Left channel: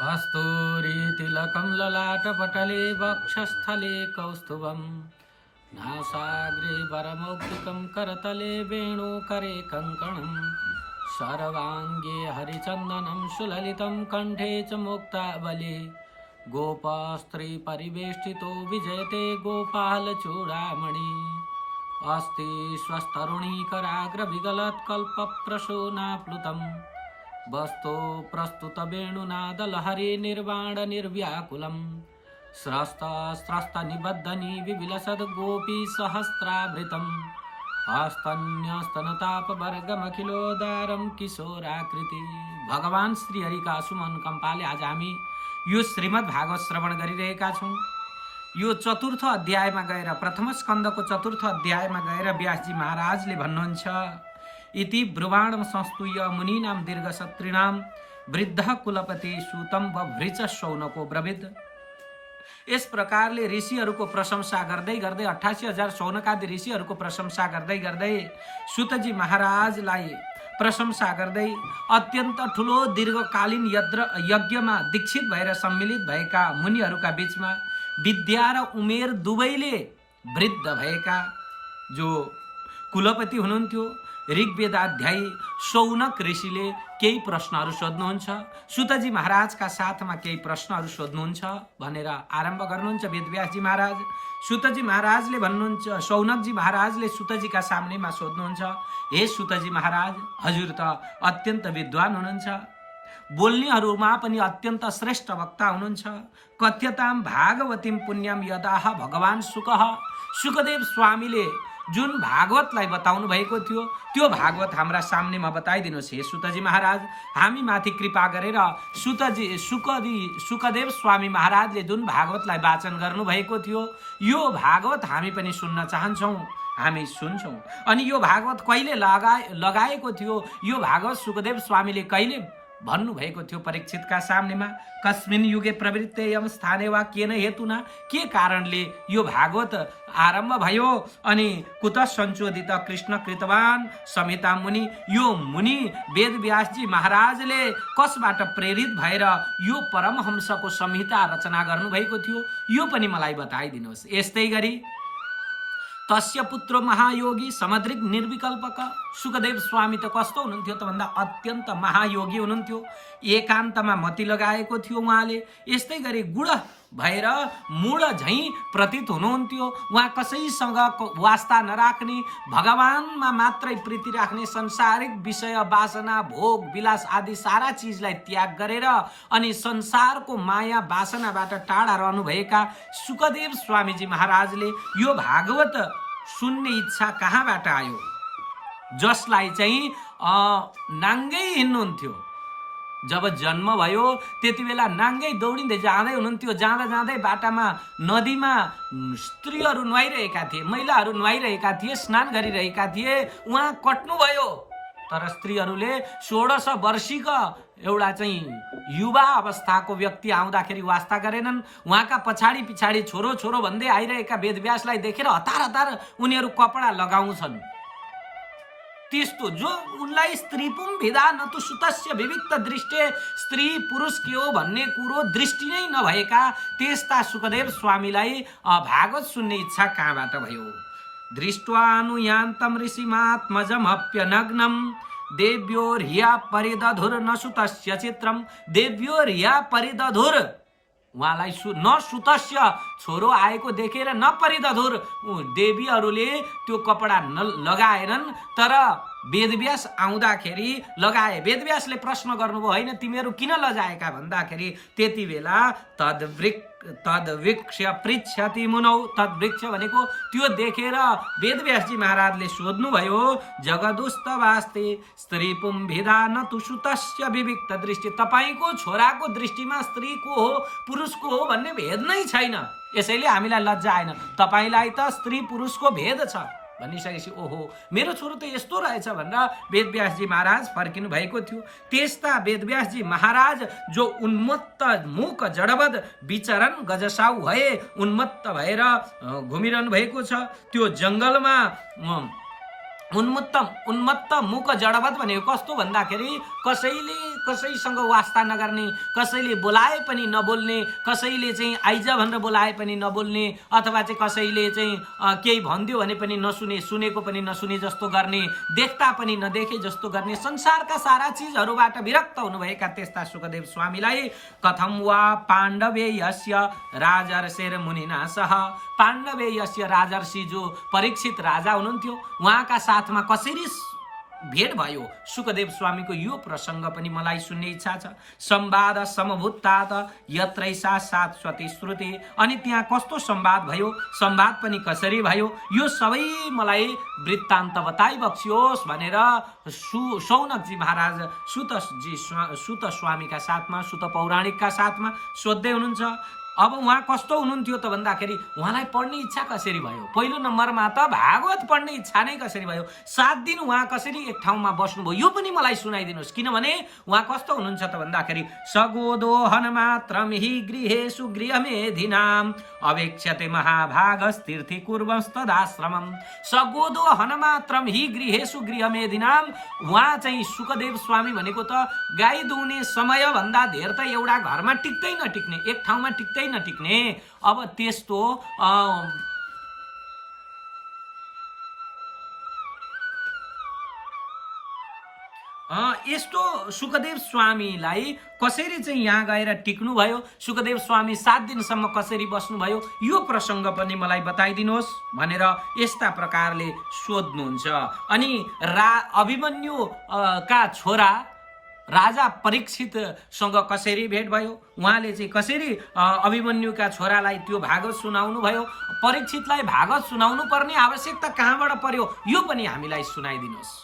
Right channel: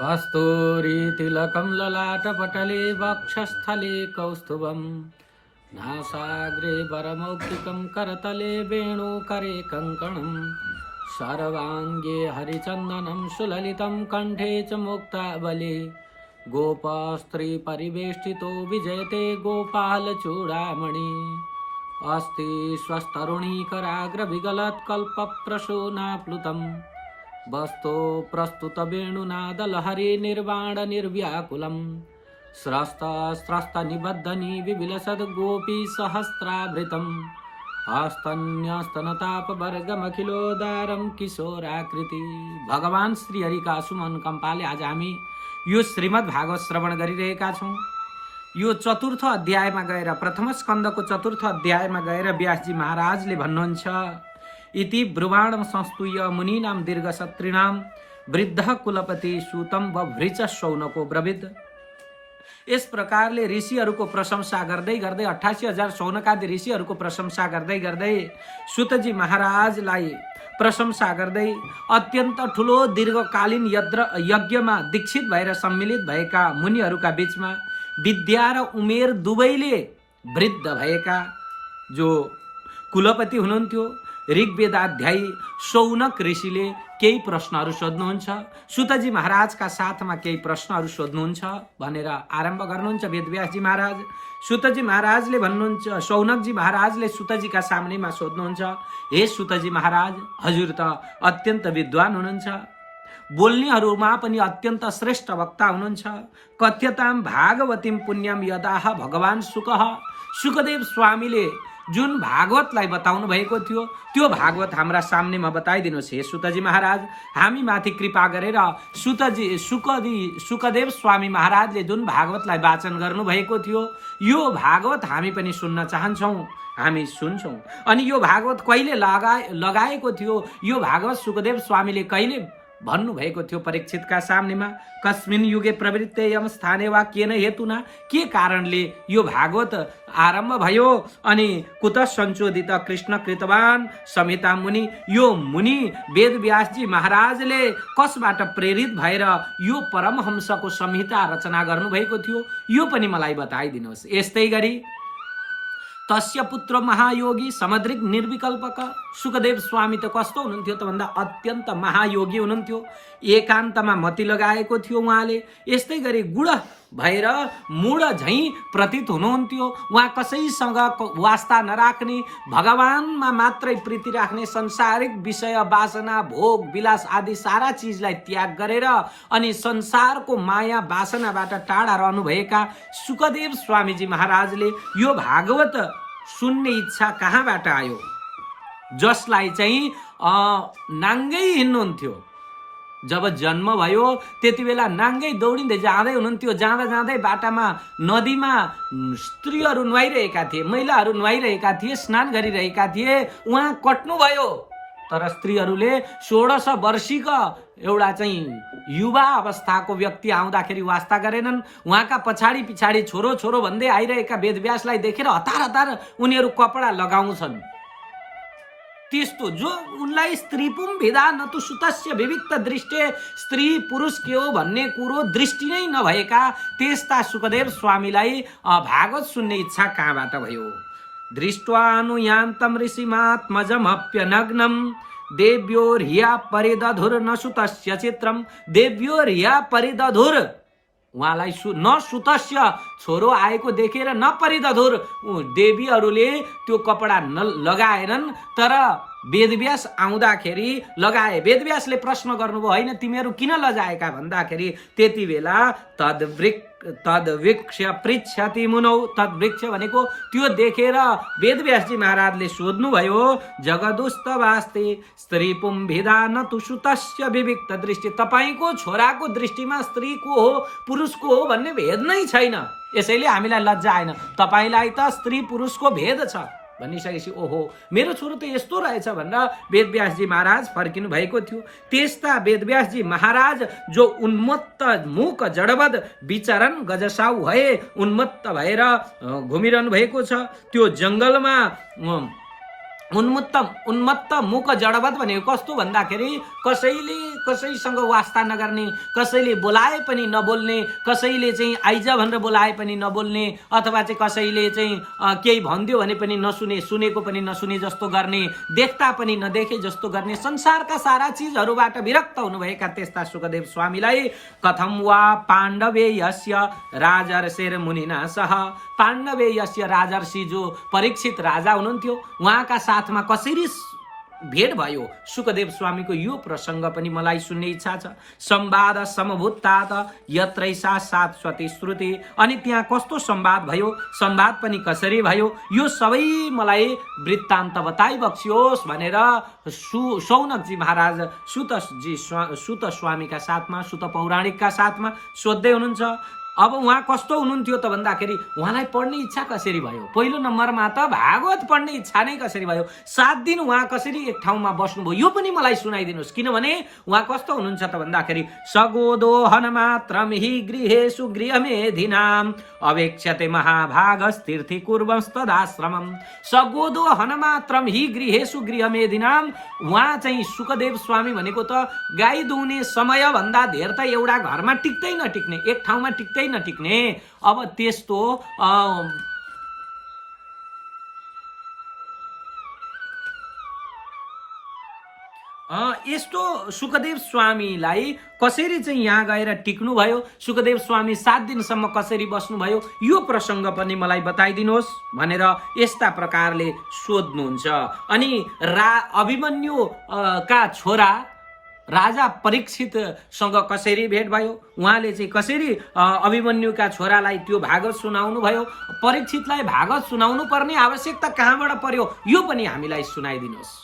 कस्तूरीतिलकं ललाटपटले वक्षस्थले कौस्तुभं नासाग्रे वरमौक्तिकं करतले वेणुकरे कङ्कणं सर्वाङ्गे हरिचन्दनं सुललितं कण्ठे च मुक्तावली गोपस्त्री परिवेष्टितो विजयते गोपालचूडामणि अस्ति स्वस्तरुणीकराग्रविगलत्कल्पप्रसूनाप्लुतम् वस्तो प्रस्तुत वेणुनादलहरी निर्वाण निर्व्याकुलम् स्रस्त निबद्धनी विविलसद् गोपी सहस्रावृतम् हस्तन्यस्तनतापवर्गमखिलोदारं किशोराकृति। भगवान श्री हरि का सुमन कम्पाले आज हामी यो श्रीमद् भागवत श्रवण गरिरहेका छौं। यो चतुर्थ अध्यायमा गएर प्रथम स्कन्धको चतुर्थ अध्यायमा गएर व्यासजी महाराजले भन्नुहुन्छ इति ब्रुवाणं संस्तूय मुनीनां दीर्घसत्रिणां वृद्ध कुलपति सूतम व भृच शौनको ब्रविद। यस प्रकारले ऋषिहरूको प्रशंसा गर्दै गर्दै 88,000 शौनकादि ऋषिहरूको प्रशंसा गर्दै गर्दै सूतजी महाराजलाई प्रशंसा गर्दै अत्यन्त ठुलो दीर्घकालीन यज्ञमा दीक्षित भएर सम्मिलित भएका मुनिहरूका बीचमा विद्या र उमेर दुवैले वृद्ध भएका जो कुलपति हुनुहुन्थ्यो ऋग्वेदाध्यायी शौनक ऋषिले केही प्रश्नहरू सोध्नुहुन्छ। सूतजी महाराजका साथमा केही प्रश्नहरू सोध्नुहुन्छ भनेर आरम्भ गर्नुहुन्छ वेदव्यासजी महाराज। सूतजी महाराजले भन्नुहुन्छ, शौनकजी महाराजले सूतजीका सामनेमा सोध्नुहुन्छ, हे सूतजी महाराज, हजुर त अत्यन्त विद्वान हुनुहुन्छ, बोल्नेहरूमा पनि अत्यन्त श्रेष्ठ वक्ता हुनुहुन्छ। कथ्यताम भागवतीम पुण्यम यदाह भगवान सुखदेव स्वामीले जुन भागवतलाई बताउनु भएको थियो त्यो भागवत हाम्रा सामनेमा बताइदिनुहोस् हे सूतजी महाराज। हामी माथि कृपा गरेर सुखदेव स्वामी महाराजले जुन भागवतलाई वाचन गर्नु भएको थियो यो भागवत हामी पनि सुन्न चाहन्छौँ, हामी सुन्छौँ। अनि यो भागवत कहिले लगाएको थियो, यो भागवत सुखदेव स्वामीले कहिले भन्नु भएको थियो परीक्षितका सामनेमा, कस्मिन युगे प्रवृत्ते यम स्थाने वा केन हेतुना, के कारणले यो भागवत आरम्भ भयो अनि कुत संशोधित कृष्ण कृतवान संहिता मुनि, यो मुनि वेदव्यासजी महाराजले कसबाट प्रेरित भएर यो परमहंसको संहिता रचना गर्नुभएको थियो यो पनि मलाई बताइदिनुहोस्। यस्तै गरी तस्य पुत्र महायोगी समद्रिक निर्विकल्पक सुखदेव स्वामी त कस्तो हुनुहुन्थ्यो त भन्दा अत्यन्त महायोगी हुनुहुन्थ्यो, एकान्तमा मति लगाएको थियो उहाँले। यस्तै गरी गुण भएर मूढ झैं प्रतीत हुनुहुन्थ्यो, उहाँ कसैसँग वास्ता नराख्ने, भगवानमा मात्रै प्रीति राख्ने, संसारिक विषय वासना भोग विलास आदि सारा चिजलाई त्याग गरेर अनि संसारको माया वासनाबाट टाढा रहनुभएका सुखदेव स्वामीजी महाराजले यो भागवत सुन्ने इच्छा कहाँबाट आयो, जसलाई चाहिँ नाङ्गै हिँड्नुहुन्थ्यो। जब जन्म भयो त्यति बेला नाङ्गै दौडिँदै जाँदै हुनुहुन्थ्यो, जाँदा जाँदै बाटामा नदीमा स्त्रीहरू नुहाइरहेका थिए, महिलाहरू नुहाइरहेका थिए, स्नान गरिरहेका थिए, उहाँ कट्नुभयो। तर स्त्रीहरूले 16 वर्षीका एउटा चाहिँ युवा अवस्थाको व्यक्ति आउँदाखेरि वास्ता गरेनन्। उहाँका पछाडि पछाडि छोरो छोरो भन्दै आइरहेका वेदव्यासलाई देखेर हतार हतार उनीहरू कपडा लगाउँछन्। त्यस्तो जो उनलाई स्त्री पुम भेदा न तु सुतस्य विविक्त दृष्टि, स्त्री पुरुष के हो भन्ने कुरो दृष्टि नै नभएका त्यस्ता सुखदेव स्वामीलाई भागवत सुन्ने इच्छा कहाँबाट भयो। दृष्ट्वानुयान्तं ऋषिमात्मजमप्यनग्नं देव्योर्हिया परिदधुर न सुतस्य चित्रम, देव्योर्हिया परिदधुर, उहाँलाई न सुतस्य छोरो आएको देखेर न परिदधुर, देवीहरूले त्यो कपडा लगाएनन् तर वेदव्यास आउँदाखेरि लगाए। वेदव्यासले प्रश्न गर्नुभयो, होइन तिमीहरू किन लजाएका भन्दाखेरि त्यति बेला तद्वृक्ष पृच्छति मुनौ, तद्वृक्ष भनेको त्यो देखेर वेदव्यासजी महाराजले सोध्नुभयो, जगदुस्तवास्ते स्त्री पुंभिदा न तु सुतस्य विविक्त दृष्टि, तपाईको छोराको दृष्टिमा स्त्रीको हो पुरुषको हो भन्ने भेद नै छैन, यसैले हामीलाई लज्जा आएन, तपाईलाई त स्त्री पुरुषको भेद छ भनिसकेपछि ओहो मेरो छोरो त यस्तो रहेछ भनेर वेदव्यासजी महाराज फर्किनु भएको थियो। त्यस्ता वेदव्यासजी महाराज जो उन्मत्त मुख जडबद विचरण गजसाउ भए उन्मत्त भएर घुमिरहनु भएको छ, त्यो जंगलमा उन्मत्त मुख जडवत भनेको कस्तो भन्दाखेरि कसैले कसैसँग वास्ता नगर्ने, कसैले बोलाए पनि नबोल्ने, कसैले चाहिँ आइज भनेर बोलाए पनि नबोल्ने, अथवा चाहिँ कसैले चाहिँ केही भनिदियो भने पनि नसुने, सुनेको पनि नसुने जस्तो गर्ने, देख्दा पनि नदेखे जस्तो गर्ने, संसारका सारा चिजहरूबाट विरक्त हुनुभएका त्यस्ता सुखदेव स्वामीलाई कथम वा पाण्डवे यस्य राजर्षेर मुनिना सह, पाण्डवे यस्य राजर्षि जो परीक्षित राजा हुनुहुन्थ्यो उहाँका साथमा कसरी भेट भयो सुखदेव स्वामीको यो प्रसंग पनि मलाई सुन्ने इच्छा छ। संवाद समभूतात यत्रैसा शाश्वती श्रुति, अनि त्यहाँ कस्तो संवाद भयो, संवाद पनि कसरी भयो, यो सबै मलाई वृत्तान्त बताइबक्सियोस् भनेर शौनकजी महाराज सुत स्वामीका साथमा, सुत पौराणिकका साथमा सोध्दै हुनुहुन्छ। अब उहाँ कस्तो हुनुहुन्थ्यो त भन्दाखेरि उहाँलाई पढ्ने इच्छा कसरी भयो, पहिलो नम्बरमा त भागवत पढ्ने इच्छा नै कसरी भयो, 7 दिन उहाँ कसरी एक ठाउँमा बस्नुभयो यो पनि मलाई सुनाइदिनुहोस्। किनभने उहाँ कस्तो हुनुहुन्छ त भन्दाखेरि सगोदोहन मात्रम हि गृहेषु गृहमेधिनाम अवेक्ष्यते महाभागस्तीर्थि कुर्वंस्तदाश्रमम, सगोदोहन मात्रम हि गृहेषु गृहमेधिनाम, उहाँ चाहिँ सुखदेव स्वामी भनेको त गाई दुहुने समय भन्दा धेर त एउटा घरमा टिक्दै नटिक्ने, एक ठाउँमा टिक्दै नटिक्ने। अब त्यस्तो यस्तो सुखदेव स्वामीलाई कसरी चाहिँ यहाँ गएर टिक्नु भयो, सुखदेव स्वामी 7 दिनसम्म कसरी बस्नुभयो यो प्रसंग पनि मलाई बताइदिनुहोस् भनेर यस्ता प्रकारले सोध्नुहुन्छ। अनि अभिमन्यु का छोरा राजा परीक्षितसँग कसरी भेट भयो, उहाँले चाहिँ कसरी अभिमन्युका छोरालाई त्यो भागवत सुनाउनु भयो, परीक्षितलाई भागवत सुनाउनु पर्ने आवश्यकता कहाँबाट पर्यो यो पनि हामीलाई सुनाइदिनुहोस्।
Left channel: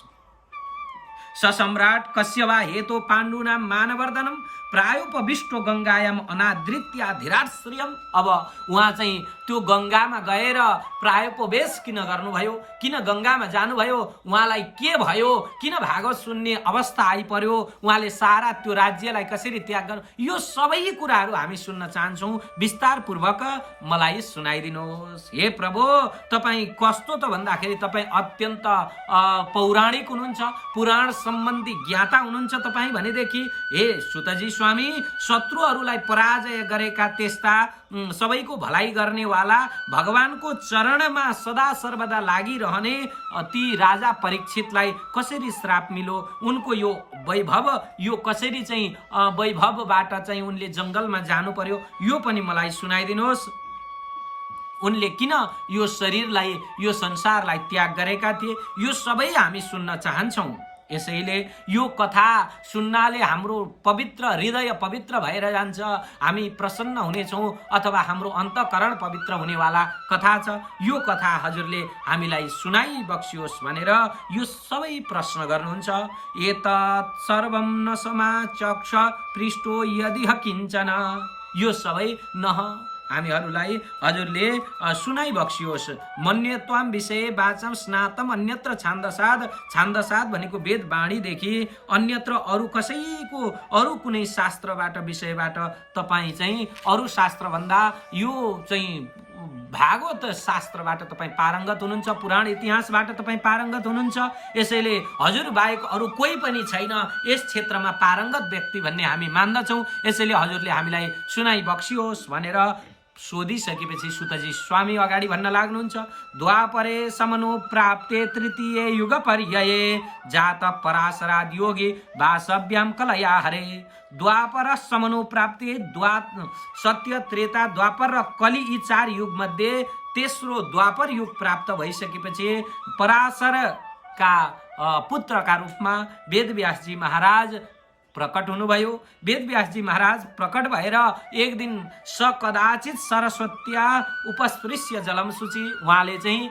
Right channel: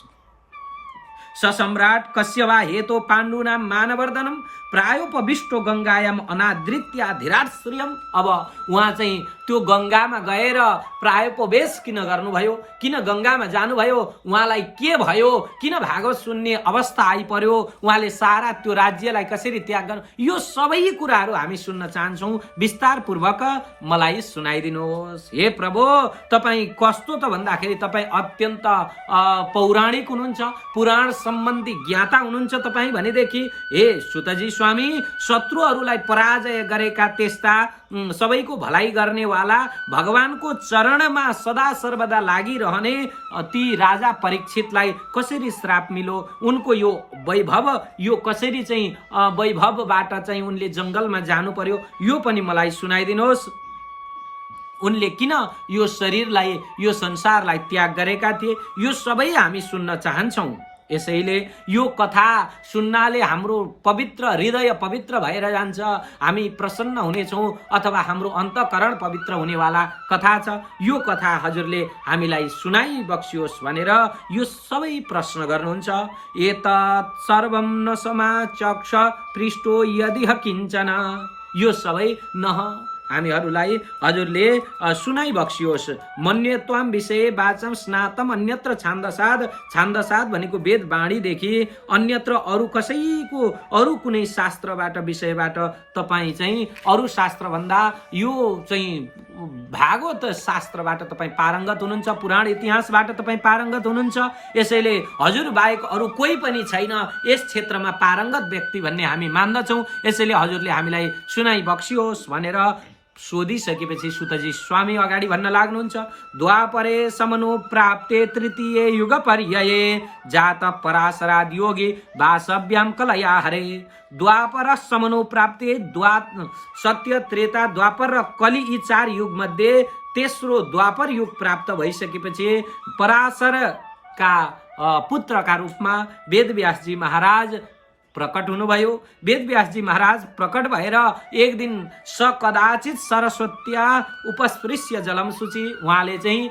ससम्राट कश्यवा हेतो पाण्डुनाम मानवर्धनम प्रायोपविष्टो गंगायाम अनादृत्या धीराश्रियम, अब उहाँ चाहिँ त्यो गंगामा गएर प्रायोपवेश किन गर्नुभयो, किन गंगामा जानुभयो, उहाँलाई के भयो, किन भागवत सुन्ने अवस्था आइपर्यो, उहाँले सारा त्यो राज्यलाई कसरी त्याग गर्नु, यो सबै कुराहरू हामी सुन्न चाहन्छौँ, विस्तार पूर्वक मलाई सुनाइदिनुहोस्। हे प्रभु तपाईँ कस्तो त भन्दाखेरि तपाईँ अत्यन्त पौराणिक हुनुहुन्छ, पुराण सम्बन्धी ज्ञाता हुनुहुन्छ तपाईँ भनेदेखि हे सुतजी स्वामी शत्रुहरूलाई पराजय गरेका त्यस्ता सबैको भलाई गर्नेवाला भगवानको चरणमा सदा सर्वदा लागिरहने ती राजा परीक्षितलाई कसरी श्राप मिलो, उनको यो वैभव यो कसरी चाहिँ वैभवबाट चाहिँ उनले जंगलमा जानु पर्यो यो पनि मलाई सुनाइदिनुहोस्। उनले किन यो शरीरलाई यो संसारलाई त्याग गरेका थिए यो सबै हामी सुन्न चाहन्छौँ। यसैले यो कथा सुन्नाले हाम्रो पवित्र हृदय पवित्र भएर जान्छ, हामी प्रसन्न हुनेछौँ अथवा हाम्रो अन्तःकरण पवित्र हुनेवाला कथा छ। यो कथा हजुरले हामीलाई सुनाइबक्सियोस् भनेर यो सबै प्रश्न गर्नुहुन्छ। एतत् सर्वं न समाचक्ष पृष्ठो यदि किञ्चन, यो सबै न हामीहरूलाई हजुरले सुनाइबक्सियोस्। मन्यत्वाम विषय वाचम स्नातम अन्यत्र छान्दसाद, छान्दसाद भनेको वेद वाणीदेखि अन्यत्र अरू कसैको अरू कुनै शास्त्रबाट विषयबाट तपाईँ चाहिँ अरू शास्त्र भन्दा यो चाहिँ भागवत शास्त्रबाट तपाईँ पारङ्गत हुनुहुन्छ, पुराण इतिहासबाट तपाईँ पारङ्गत हुनुहुन्छ। यसैले हजुर बाहेक अरू कोही पनि छैन यस क्षेत्रमा पारङ्गत व्यक्ति भन्ने हामी मान्दछौँ। यसैले हजुरले हामीलाई सुनाइबक्सियोस् भनेर सोधिसकेपछि सुतजी स्वामी अगाडि भन्न लाग्नुहुन्छ। द्वापरे समनुप्राप्ते तृतीय युग पर्याये जात पराशराद योगी वासव्याम कलया हरे, द्वापर समनुप्राप्ते सत्य त्रेता द्वापर र कलि यी 4 युग मध्ये तेस्रो द्वापर युग प्राप्त भइसकेपछि पराशरका पुत्रका रूपमा वेदव्यासजी महाराज प्रकट हुनुभयो। वेदव्यासजी महाराज प्रकट भएर एक दिन सकदाचित सरस्वत्या उपस्पृश्य जलम शुचि, उहाँले चाहिँ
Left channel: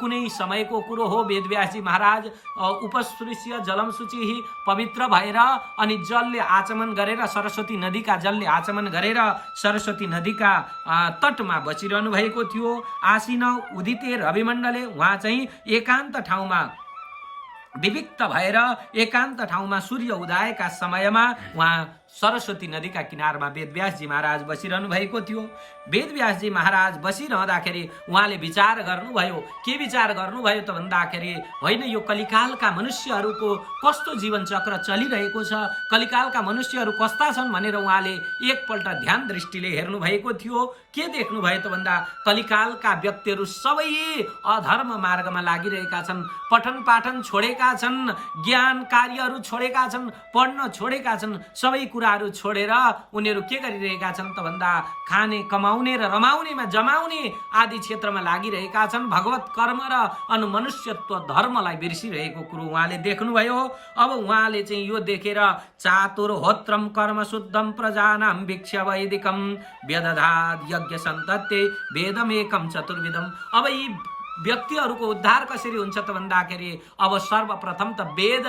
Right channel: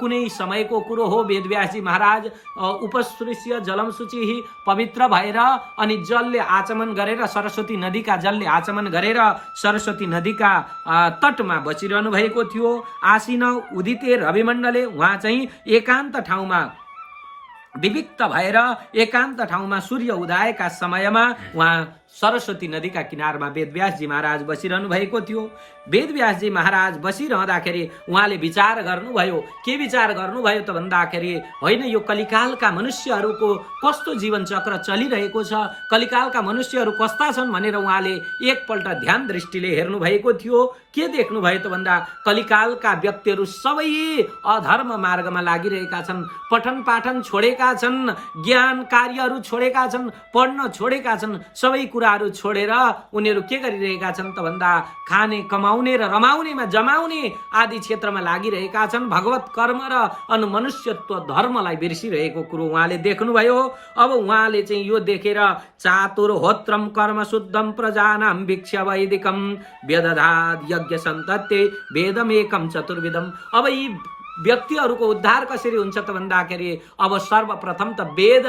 कुनै समयको कुरो हो, वेदव्यासजी महाराज उपस्पृश्य जलम शुचि पवित्र भएर अनि जलले आचमन गरेर सरस्वती नदीका जलले आचमन गरेर सरस्वती नदीका तटमा बसिरहनु भएको थियो। आसीन उदिते रविमण्डले, उहाँ चाहिँ एकान्त ठाउँमा विविक्त भएर एकान्त ठाउँमा सूर्य उदयका समयमा उहाँ सरस्वती नदीका किनारमा वेदव्यासजी महाराज बसिरहनु भएको थियो। वेदव्यासजी महाराज बसिरहँदाखेरि उहाँले विचार गर्नुभयो। के विचार गर्नुभयो त भन्दाखेरि होइन, यो कलिकालका मनुष्यहरूको कस्तो जीवन चक्र चलिरहेको छ, कलिकालका मनुष्यहरू कस्ता छन् भनेर उहाँले एकपल्ट ध्यान दृष्टिले हेर्नु भएको थियो। के देख्नुभयो त भन्दा कलिकालका व्यक्तिहरू सबै अधर्म मार्गमा लागिरहेका छन्, पठन पाठन छोडेका छन्, ज्ञान कार्यहरू छोडेका छन्, पढ्न छोडेका छन्, सबै कुराहरू छोडेर उनीहरू के गरिरहेका छन् त भन्दा खाने कमाउने र रमाउनेमा जमाउने आदि क्षेत्रमा लागिरहेका छन्। भगवत कर्म र अनुमनुष्यत्व धर्मलाई बिर्सिरहेको कुरो उहाँले देख्नुभयो। अब उहाँले चाहिँ यो देखेर चातुर्होत्रम कर्म शुद्धम प्रजानाम भिक्ष्य वैदिकम वेदधाद यज्ञ सन्तत्ते वेदमेकम चतुर्विधम। अब यी व्यक्तिहरूको उद्धार कसरी हुन्छ त भन्दाखेरि अब सर्वप्रथम त वेद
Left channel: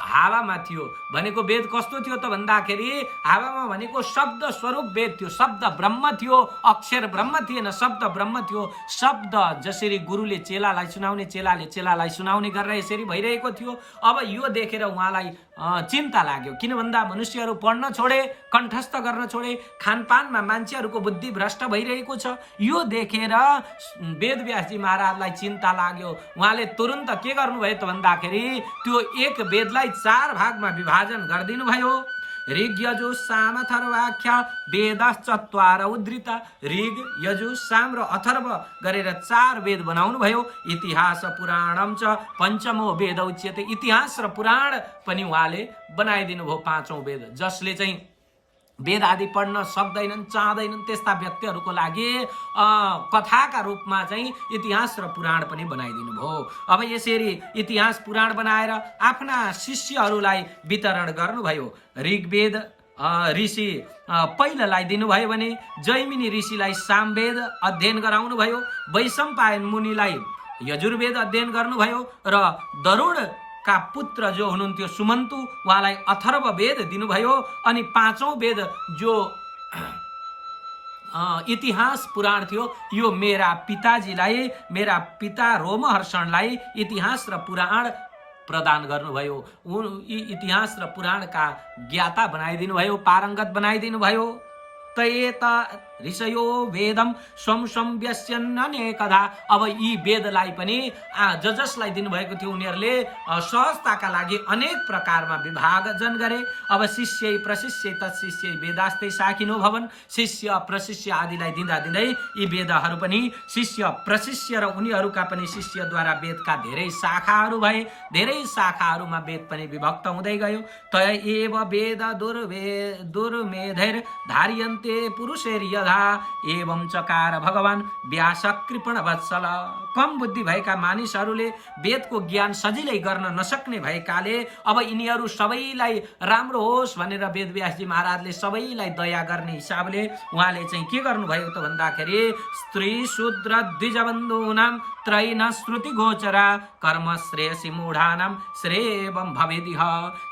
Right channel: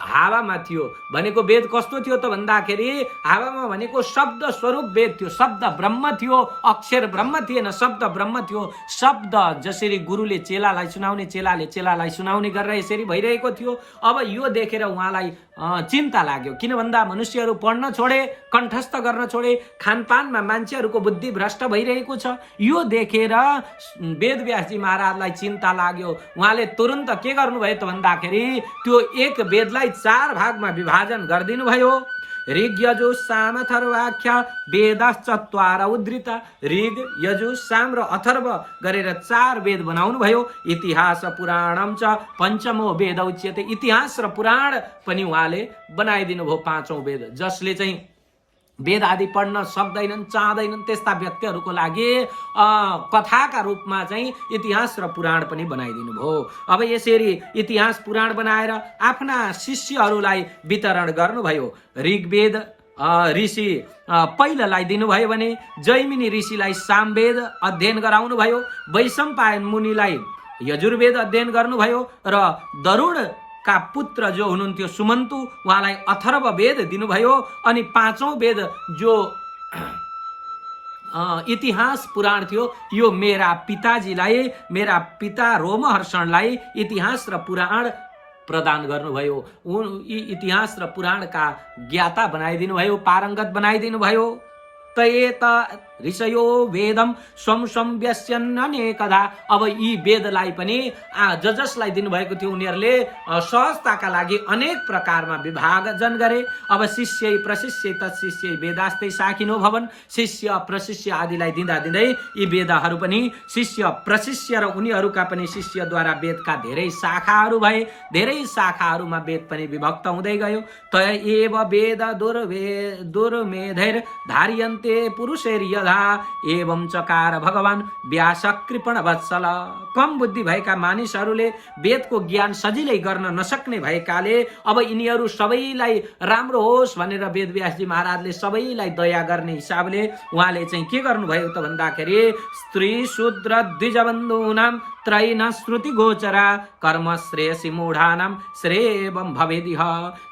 हावामा थियो। भनेको वेद कस्तो थियो त भन्दाखेरि हावामा भनेको शब्द स्वरूप वेद थियो, शब्द ब्रह्म थियो, अक्षर ब्रह्म थिएन, शब्द ब्रह्म थियो। शब्द जसरी गुरुले चेलालाई सुनाउने, चेलाले चेलालाई सुनाउने गरेर यसरी भइरहेको थियो। अब यो देखेर उहाँलाई चिन्ता लाग्यो। किन भन्दा मनुष्यहरू पढ्न छोडे, कण्ठस्थ गर्न छोडे, खानपानमा मान्छेहरूको बुद्धि भ्रष्ट भइरहेको छ। यो देखेर वेदव्यासजी महाराजलाई चिन्ता लाग्यो। उहाँले तुरन्त के गर्नुभयो त भन्दाखेरि त्यो एक वेदलाई 4 भागमा विभाजन गरिदिनु भयो। ऋग यजु साम अथर्वाख्य वेदश्चत्वार उद्धृत। ऋग यजु साम र अथर्व गरेर 4 वेद बनाउनु भयो। इतिहास पुराणम च पञ्चमो वेद उच्यते। इतिहास र पुराण पनि उहाँले बनाइदिनु भयो 5औं वेद। जसले चाहिँ वेद आदि पढ्न सक्दैनन्, चाहँदैनन् त्यस्ता व्यक्तिहरूको लागि कथाका रूपमा चाहिँ इतिहास र पुराण पनि बनाइदिनु भयो। अब यसरी इतिहास पुराण बनाएर आफ्ना शिष्यहरूलाई वितरण गर्नुभयो। ऋग्वेद ऋषि पहिलालाई दिनुभयो भने जैमिनी ऋषिलाई सामवेद अध्ययन गराउनु भयो। वैशम्पायन मुनिलाई यजुर्वेद अध्ययन गर्नुभयो र दरुण का पुत्र जो हुनुहुन्थ्यो सुमन्तु, उहाँलाई अथर्व वेद दिनुभयो। अनि 5औं वेद जो इतिहास पुराण थियो, यो मेरा पिताजीलाई, मेरा पिता रोमहर्षणलाई इतिहास र पुराण प्रदान गर्नुभयो। यी इतिहास र पुराणका ज्ञाता बनाइदिनु भयो, पारङ्गत बनाइदिनु भयो। तयेत ऋषयो वेदम स्वम स्वम व्यस्यन्नेकदा। अब यी वेदलाई पनि जसलाई दिनुभएको थियो उनीहरूले सहजताका लागि अनेक प्रकारमा विभाजन गरे। अब शिष्य प्रशिष्य तत्शिष्य वेदास्ते शाखिनो भवन। शिष्य प्रशिष्य आदिलाई दिँदा दिँदै यी वेदहरू पनि शिष्य प्रशिष्य र उनीहरूका पनि शिष्यद्वारा वेदका धेरै शाखाहरू भए। धेरै शाखाहरूमा वेद पनि विभक्त हुँदै गयो। तय एव वेद दुर्मेधैर धार्यन्ते पुरुषैर एवं चकार भगवान व्यास कृपण वत्सल। कम बुद्धि भएका मानिसहरूले वेदको ज्ञान सजिलै गर्न नसक्ने भएकाले अब यिनीहरू सबैलाई राम्रो होस् भनेर वेदव्यासजी महाराजले सबैलाई दया गर्ने हिसाबले उहाँले चाहिँ के गर्नुभयो त भन्दाखेरि स्त्री शूद्र द्विजबन्धूनां त्रैन श्रुति गोचरा कर्म श्रेयसी मूढानां श्रेयं भवेदिह।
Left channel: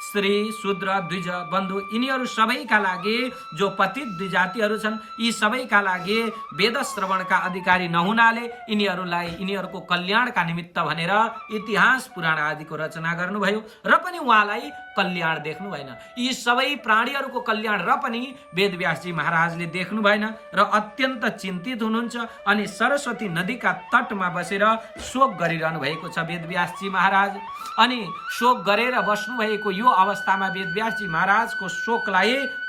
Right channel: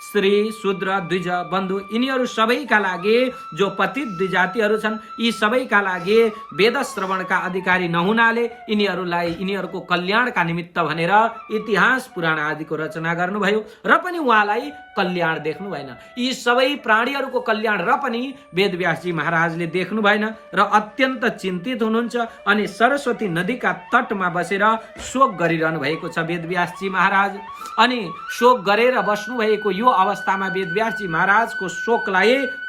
स्त्री शूद्र द्विज बन्धु यिनीहरू सबैका लागि, जो पतित द्विजातिहरू छन्, यी सबैका लागि वेद श्रवणका अधिकारी नहुनाले यिनीहरूको कल्याणका निमित्त भनेर इतिहास पुराण आदिको रचना गर्नुभयो। र पनि उहाँलाई कल्याण देख्नु भएन। यी सबै प्राणीहरूको कल्याण र पनि वेदव्यासजी महाराजले देख्नु भएन र अत्यन्त चिन्तित हुनुहुन्छ। अनि सरस्वती नदीका तटमा बसेर शोक गरिरहनु भएको छ वेदव्यासजी महाराज। अनि शोक गरेर बस्नु भएको यो अवस्थामा वेदव्यासजी महाराजको शोकलाई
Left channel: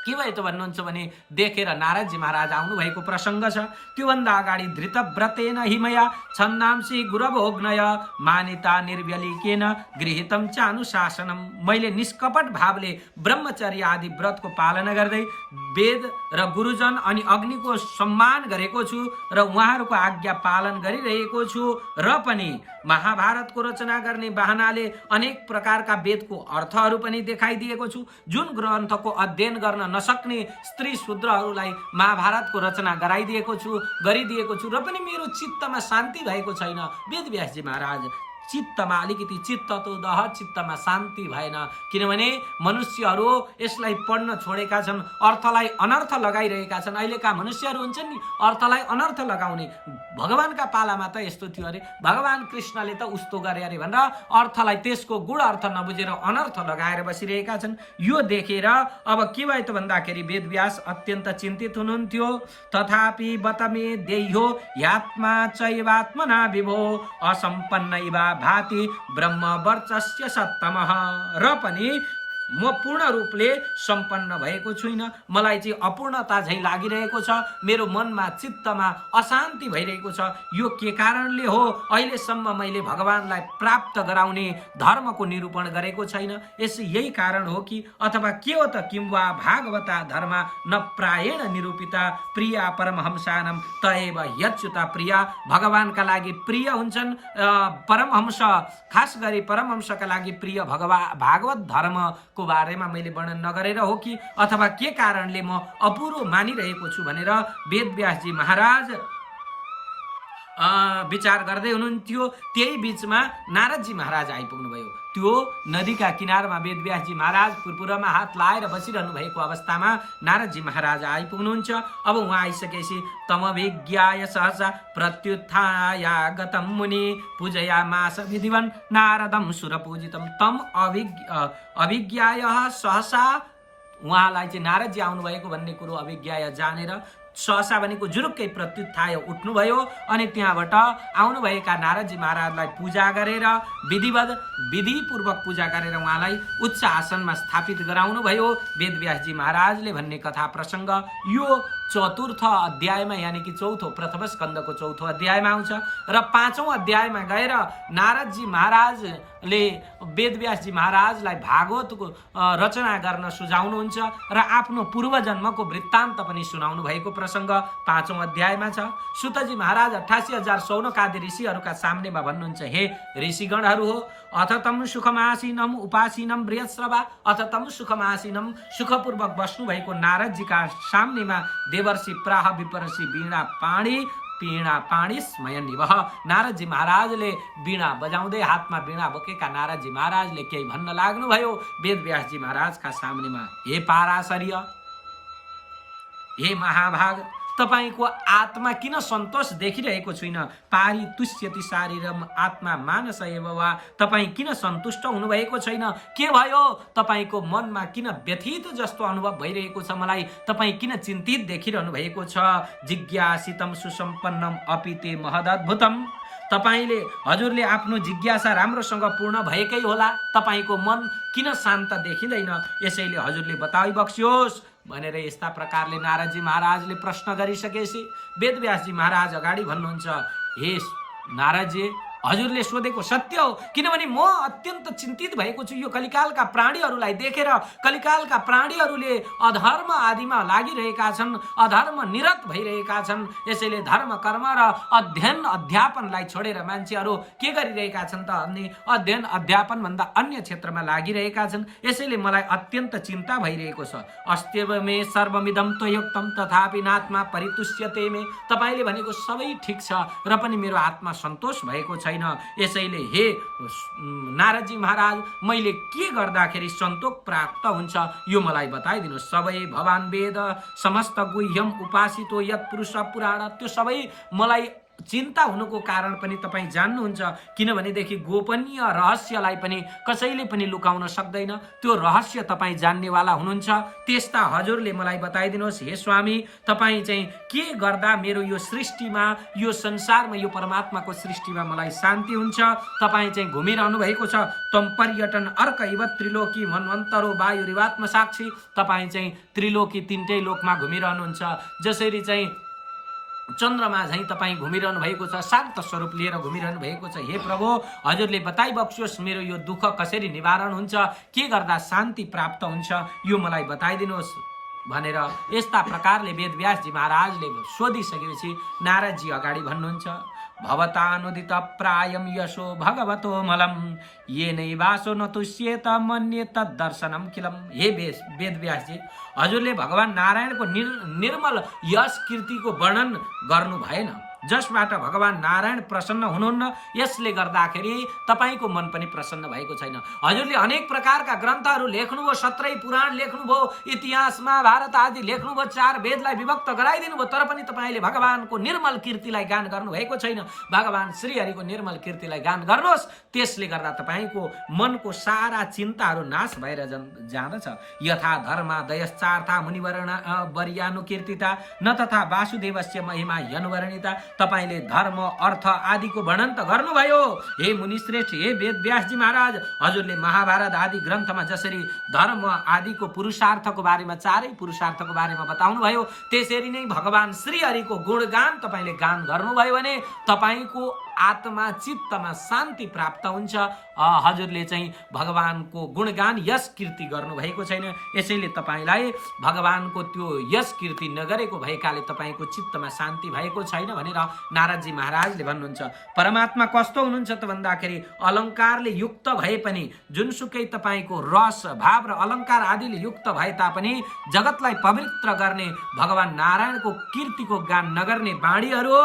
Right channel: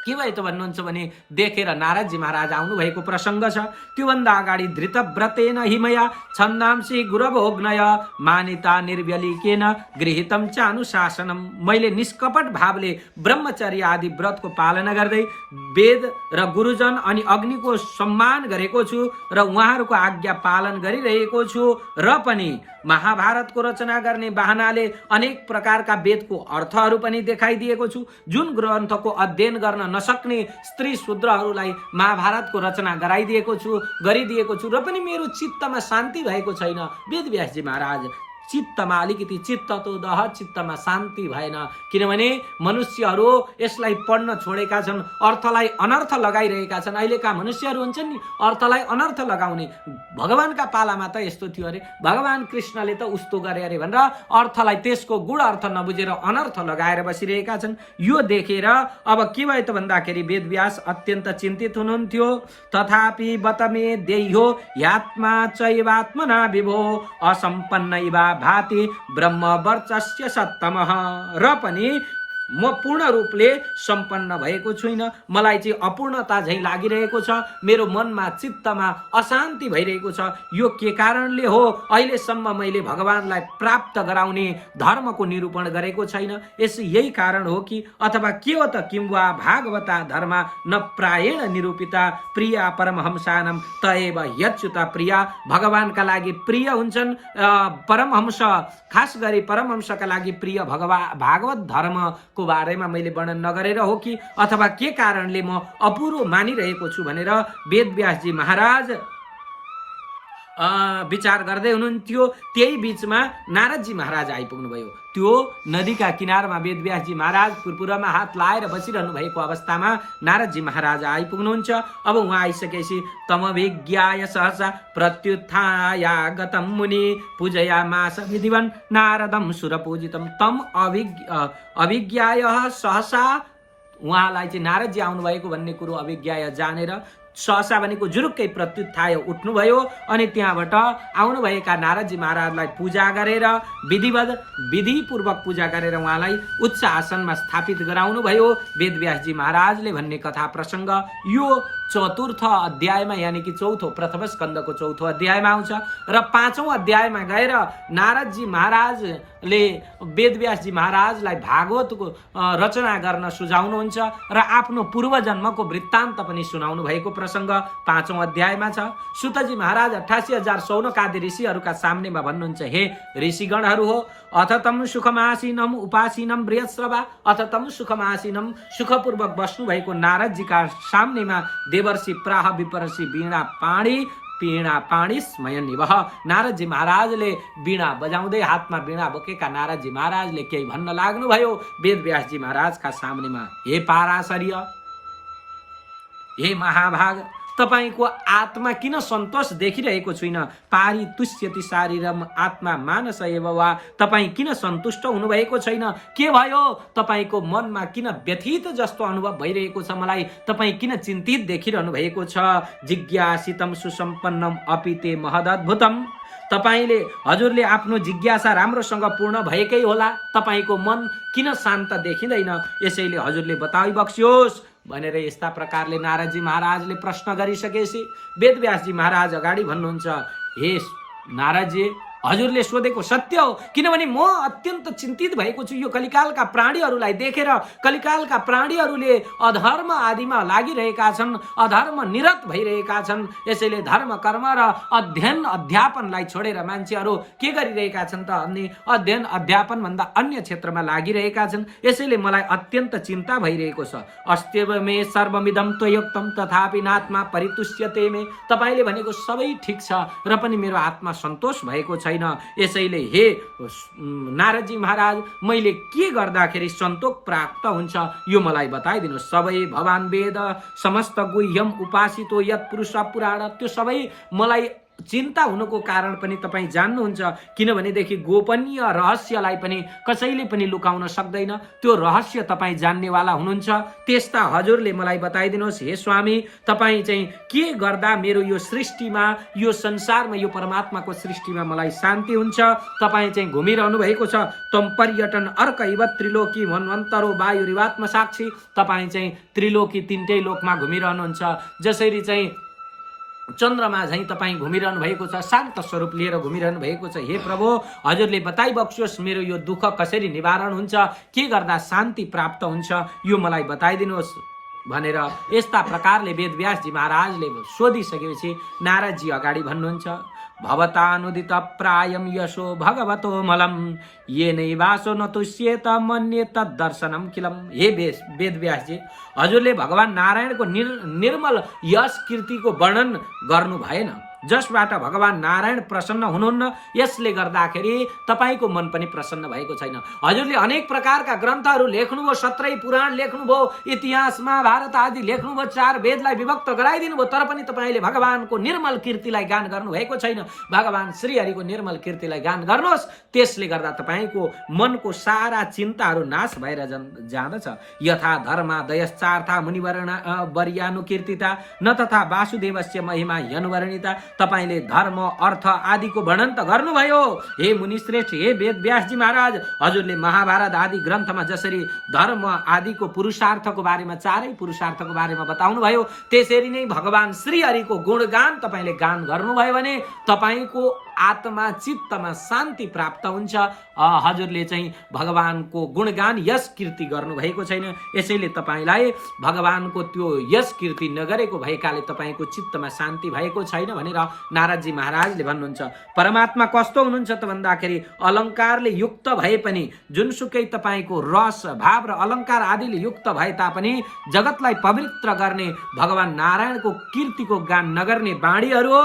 के भयो त भन्नुहुन्छ भने देखेर नारदजी महाराज आउनु भएको प्रसङ्ग छ। त्योभन्दा अगाडि धृतव्रतेन हिमया छन्दांसी गुरवोग्नय मानिता निर्व्यलिकेन गृहीतम च अनुशासनम। मैले निष्कपट भावले ब्रह्मचर्य आदि व्रतको पालना गर्दै वेद र गुरुजन अनि अग्निको सम्मान गरेको छु र उहाँहरूको आज्ञा पालन गरिरहेको छु। र पनि महाभारतको रचना गर्ने बहानाले अनेक प्रकारका वेदको अर्थहरू पनि देखाइदिएको छु। जुन ग्रन्थको अध्ययन गर्न नसक्ने स्त्री शूद्रहरूलाई महाभारतको रचना गरिदिएको छु र पनि मेरो चित्तमा शान्ति भएको छैन। वेदव्यासजी महाराज चित्तमा अलिकति चित्त तो दह, चित्तमा शान्ति भएन। किनभने मनुष्यहरू यसलाई पढ्न छोडेका छन्, अर्थलाई अनर्थ लगाइरहेका छन्। अहिलेका मनुष्यहरू हुन्छन् नि अर्थलाई अनर्थ लगाउने। भगवानका पालामा त यस्तो थियो अरे, भगवान कृष्णले त उस्तो गरे अरे भनेर अर्थलाई, त्यसको गुण अर्थ नबुझेर अनर्थ लगाएर बसिरहेका छन्। यो देखेर अब के भयो त भन्दाखेरि वेदव्यास अत्यन्त चिन्तित हुनुहुन्थ्यो। तथापि बतमे देह्यो यात्मा चैवात्मना विभो असम्पन्न इवा भाति ब्रह्म वर्चस्य सत्तमः। र पनि म पूर्ण रूपले सम्पन्न भएको छुइनँ, मलाई चाहिँ अपूर्णता झैँ लागिरहेको छ, मेरो मनमा चित्तमा अशान्ति भइरहेको छ। यो के कारणले हो? अहिलेसम्म मैले भगवानलाई प्राप्त गराउने धर्मको निरूपण गरेको छैन, यही कारण हो कि? अथवा के हो त? किंवा भागवता धर्म न प्रायेण निरूपिता प्रिया परमहंसानम तएव यच्युता प्रिया। भगवानका लागि प्रिय हुन्छन् परमहंस, खास गरी परमहंसका लागि प्रिय भागवत धर्मको बारेमा मैले वर्णन नगरेर हो कि? अथवा के कारणले म अपुरो मानिरहेको छु भनेर वेदव्यासजी महाराज विचार गर्दै हुनुहुन्थ्यो। त्यही बीचमा नारदजी महाराज आइपुग्नु भयो। त्यो नदीका किनारमा वेदव्यासजी महाराज पुरपुरमा हात लाएर बसिरहनु भएको अवस्थामा नारदजी महाराज आइपुग्नुहुन्छ। अब उहाँ आइसकेपछि तमभिज्ञाय सहसा प्रत्युत्थायागतं मुनि पूजयामास विधिवन् नारदं सुरपूजितं। तम अभिज्ञाय सहसा, उहाँलाई चाहिँ नारदजी आउनुभएको भन्ने कुरो अभिज्ञाय जानेर सहसा भनेको जुरुक्कै प्रत्युत्थाय उठ्नुभयो अनि त्यहाँबाट आउनुभएका नारदजी महाराजलाई पूजा गरेर विधिपूर्वक पूजा गरेर उहाँलाई उच्च आसनमा स्थापित गराउनु भयो वेदव्यासजी महाराजले भन्ने कथा प्रसङ्ग यो चतुर्थ अध्यायमा यानी कि प्रथम स्कन्धको चौथो अध्यायमा आउँछ। र पाँचौं अध्यायमा गएर नारदजी महाराजले वेदव्यासजी महाराजलाई भागवतको रचना गर्न सुझाउनुहुन्छ र आफ्नो पूर्वजन्मको वृत्तान्त पनि सुनाउनु भएको प्रसङ्ग पाँचौं अध्यायमा छ। सुतजी महाराज 88,000 सौनकादि ऋषिहरूका सामनेमा भन्नुहुन्छ, हे ऋषिगणहरू हो, अथ तम सुखमासीनम उपासीनम बृहस्रवा। अथ तम सुखमासीनम, सुखपूर्वक बस्नु भएको नारदजीका सामनेमा देवर्षि प्राह विपरषि वीणा पाणी स्मयन निवह। नारदजी महाराजले वीणा बजाउँदै हातमा वीणा बोकेका नारदजी महाराजले केही भन्न लाग्नुभयो वेदव्यासजी महाराजका सामनेमा, हे पाराशर्य, हे महाभाग, तपाईको आत्मा किन सन्तोष देखिरहेको छैन? पारी तुष्यति शारीरम आत्मा मानस एव वा। तपाई किन सन्तुष्ट हुनुभएको छैन? के भयो? तपाईको मनमा किन व्यथित जस्तो अनुभव भइरहेको छ? मलाई तपाई किन चिन्तित देखिरहनु भएको छ? जिज्ञासितम सुसम्पन्नम अपिते महदद्भुतम। तपाईले हजुरले आफ्नो जिज्ञासा राम्रोसँग पूर्ण भएकै होला, तपाईको मन किन शान्त देखिँदैन? यसैले हजुरले बताइ बक्स्योस् भनेर यस्ता प्रकारले नारदजी महाराजले प्रश्न गरिसकेपछि वेदव्यासजी महाराज अगाडि भन्नुहुन्छ, हे नारदजी, हजुरले सोधेको सत्य हो, किनभने म अत्यन्त चिन्तित भएको छु। यो कलिकालका प्राणीहरूलाई देखेर कलिकालका प्राणीहरूले अधर्म आदिमा लागिरहेका छन्, अधर्म निरत भइरहेका छन्। यसैले धर्म कर्म र अध्ययन अध्यापनलाई छोडेर मान्छेहरू के गरिरहेका छन् त अनि अध्ययन अध्यापन भन्दा अन्य क्षेत्रमा लागिरहेका छन्। यसैले मलाई अत्यन्त चिन्ता भइरहेको छ। अस्त्यव मे सर्वमिदं त्वयोक्तम तथापि नात्मा परितुष्यते मे। तपाईले भनेको सबै ठिक छ र पनि मेरो आत्मा सन्तोष भएको छैन। यसैले हे नारदजी महाराज, मैले के गर्दाखेरि सन्तोष प्राप्त हुन्छ यो मलाई बताइदिनु। सबै भगवान वेद समस्त गुह्यम उपासितो यत पुरुष पुराण, त्यो सबै मलाई चिन्ता हुनुको कारण पनि तपाईँ जान्नुहुन्छ। किनभनेदेखि गोपनीय रहस्यलाई पनि कसैले पनि लुकाउन सक्दैन, त्यो रहस्य तपाईँ जान्नेवाला हुनुहुन्छ। त्यस्ता हजुरले मलाई बताइदिनुहोस् हे स्वामी, तपाईँ चाहिँ के गर्दा मेरो यो सृष्टिमा, यो संसारमा, यो परमात्माको सृष्टिमा मलाई शान्ति हुन्छ? तपाईँ चाहिँ घुमिरहनु भएको छ। तम पर्यटन अर्क इव त्रिलोकी मन्वन्तरो वायुरिवात्म साक्षी। तपाईँ चाहिँ त्रिलोकी तीनटै लोकमा घुमिरहनुहुन्छ। जसरी चाहिँ चन्द्रमा झैं तपाईँ घुमिरहनु भएको छ, शान्त स्वरूप लिएर घुमिरहनु भएको छ। हे प्रभु, हजुरले बताइ बक्स्योस् मेरो यो दुःख कसरी निवारण हुन्छ, के गर्दा शान्ति प्राप्त हुन्छ, यो मलाई बताइदिनुहोस् भनेर यस्ता प्रकारले वेदव्यासजी महाराजले सोधिसकेपछि नारदजी अगाडि भन्नुहुन्छ, भवतानुदित प्रायम यशो भगवतो मलम ये नैवासो न तुष्येत मन्ये तद्दर्शनम किलम। हे वेदव्यासजी, हजुरले भगवान नारायणको निर्मल यश कीर्तिको वर्णन गर्नु भएन। जसबाट भगवान नारायण प्रसन्न हुनुहुन्न, यसले गर्दाखेरि तपाईको मन पनि प्रसन्न भएको छैन। हजुरले अनेक प्रकारका ग्रन्थहरू लेख्नुभयो, 17 पुराण लेख्नुभयो, इतिहास महाभारत आदि लेख्नुभयो, 4 वेदलाई विभक्त गराइदिनु भयो, तर पनि तपाईले भगवानको निर्मल कीर्तिलाई गान गर्नु भएको छैन। भगवान श्रीहरिको निर्मल कीर्तिलाई गान गर्नुहोस्, त्यसले गर्दा तपाईको मनको सारा चिन्ताहरू नाश भएर जाँदछ। यथा धर्मा दयश्चार्था मुनिवर्यानुकीर्तिता न तथा वासुदेवस्य महिमा यनुवर्णिता। तपाईले धर्म अर्थ आदिको वर्णन त गर्नुभयो हे मुनिश्रेष्ठ, हे वेदव्यासजी महाराज। हजुरले महाभारत आदि ग्रन्थमा जसरी धर्म आदिको पुरुषार्थको बारेमा, 4 पुरुषार्थको बारेमा बताउनु भयो, त्यसरी नै भगवान श्रीहरिको गुणगान तपाईले गान गर्नुभयो भने तपाईको आत्मा चित्तमा शान्ति प्राप्त हुन्छ। हजुरले चाहिँ भगवानको गुणगान यश कीर्ति गर्नु भएको छैन, यसैले तपाईलाई भगवानको त्यो यश कीर्ति नगरेको भएकाले तपाईको चित्तमा शान्ति भएको छैन भनेर नारदजी महाराजले भन्नुहुन्छ। परमात्मा कस्तो हुनुहुन्छ त भन्दाखेरि अलङ्कारले युक्त भए पनि, जुनसुकै तपाईको रस भाव र अलङ्कार आदिले युक्त भए तापनि जगतलाई पवित्र गर्ने भगवान नारायणको कीर्तिको गान नगर्ने बाणीहरू हो,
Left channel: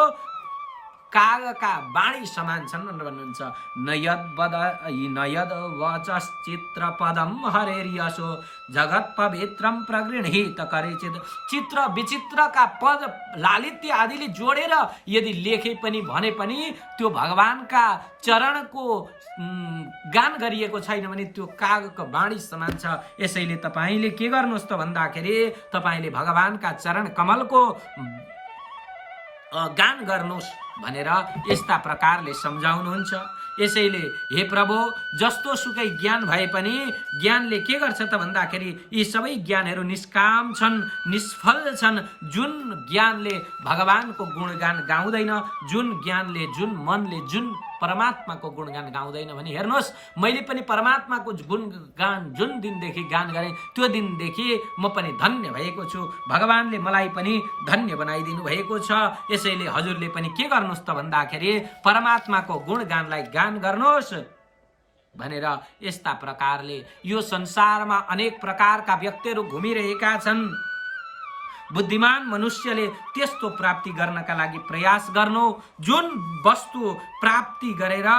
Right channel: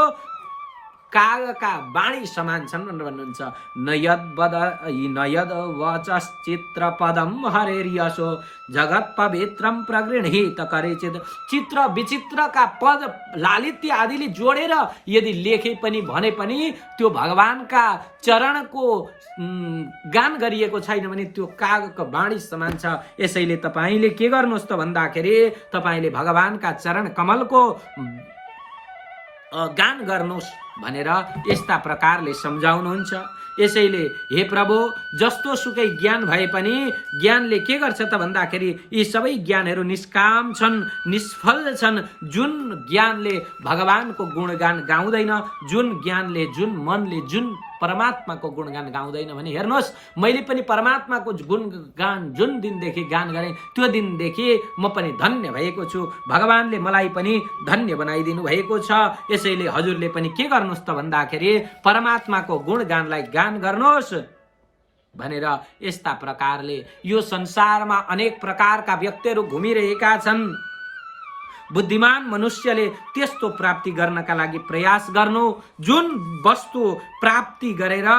कागका बाणी समान छन् भनेर भन्नुहुन्छ। नयद वचश्चित्र पदम हरेर्यशो जगत पवित्रम प्रगृहीत करेचित। चित्र विचित्रका पद लालित्य आदिले जोडेर यदि लेखे पनि भने पनि त्यो भगवानका चरणको गान गरिएको छैन भने त्यो कागको बाणी समान छ। यसैले तपाईले के गर्नुहोस् त भन्दाखेरि तपाईले भगवानका चरण कमलको गान गर्नुहोस् भनेर यस्ता प्रकारले सम्झाउनुहुन्छ। यसैले हे प्रभु, जस्तो सुकै ज्ञान भए पनि ज्ञानले के गर्छ त भन्दाखेरि यी सबै ज्ञानहरू निष्काम छन्, निष्फल छन्। जुन ज्ञानले भगवानको गुणगान गाउँदैन, जुन ज्ञानले, जुन मनले, जुन परमात्माको गुणगान गाउँदैन भने हेर्नुहोस्, मैले पनि परमात्माको गुणगान जुन दिनदेखि गान गरेँ त्यो दिनदेखि म पनि धन्य भएको छु। भगवानले मलाई पनि धन्य बनाइदिनु भएको छ। यसैले हजुरले पनि के गर्नुहोस् त भन्दाखेरि परमात्माको गुणगानलाई गान गर्नुहोस् भनेर यस्ता प्रकारले यो संसारमा अनेक प्रकारका व्यक्तिहरू घुमिरहेका छन्। बुद्धिमान मनुष्यले त्यस्तो प्राप्ति गर्नका लागि प्रयास गर्नु, जुन वस्तु प्राप्ति गरेर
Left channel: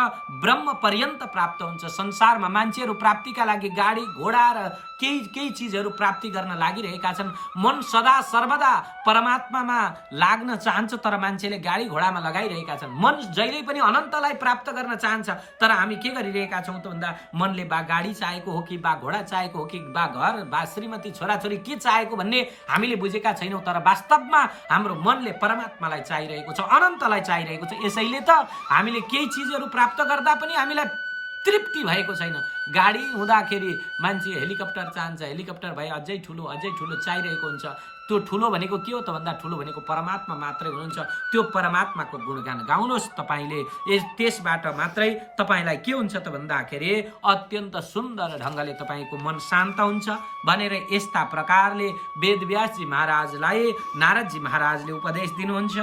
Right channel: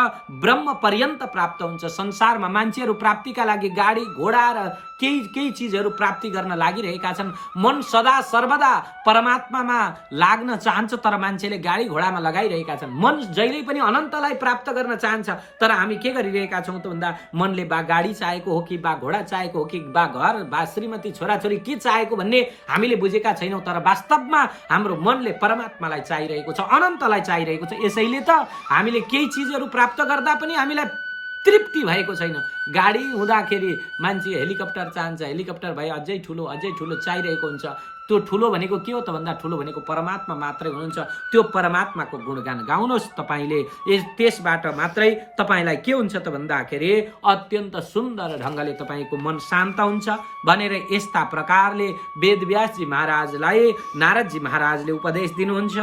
ब्रह्म पर्यन्त प्राप्त हुन्छ। संसारमा मान्छेहरू प्राप्तिका लागि गाडी घोडा र केही चिजहरू प्राप्ति गर्न लागिरहेका छन्। मन सदा सर्वदा परमात्मामा लाग्न चाहन्छ, तर मान्छेले गाडी घोडामा लगाइरहेका छन्। मन जहिले पनि अनन्तलाई प्राप्त गर्न चाहन्छ, तर हामी के गरिरहेका छौँ त भन्दा मनले बा गाडी चाहेको हो कि बा घोडा चाहेको हो कि बा घर बा श्रीमती छोराछोरी के चाहेको भन्ने हामीले बुझेका छैनौँ। तर वास्तवमा हाम्रो मनले परमात्मालाई चाहिरहेको छ, अनन्तलाई चाहिरहेको छ। यसैले त हामीले केही चिजहरू प्राप्त गर्दा पनि हामीलाई तृप्ति भएको छैन। गाडी हुँदाखेरि मान्छे हेलिकप्टर चाहन्छ, हेलिकप्टर भए अझै ठुलो चाहिरहेको हुन्छ। त्यो ठुलो भनेको के हो त भन्दा ठुलो भनेको परमात्मा मात्रै हुनुहुन्छ। त्यो परमात्माको गुणगान गाउनुहोस् तपाईले, त्यसबाट मात्रै तपाईलाई के हुन्छ त भन्दाखेरि अत्यन्त सुन्दर ढङ्गले तपाईको मन शान्त हुन्छ भनेर यस्ता प्रकारले वेदव्यासजी महाराजलाई नारदजी महाराजले उपदेश दिनुहुन्छ।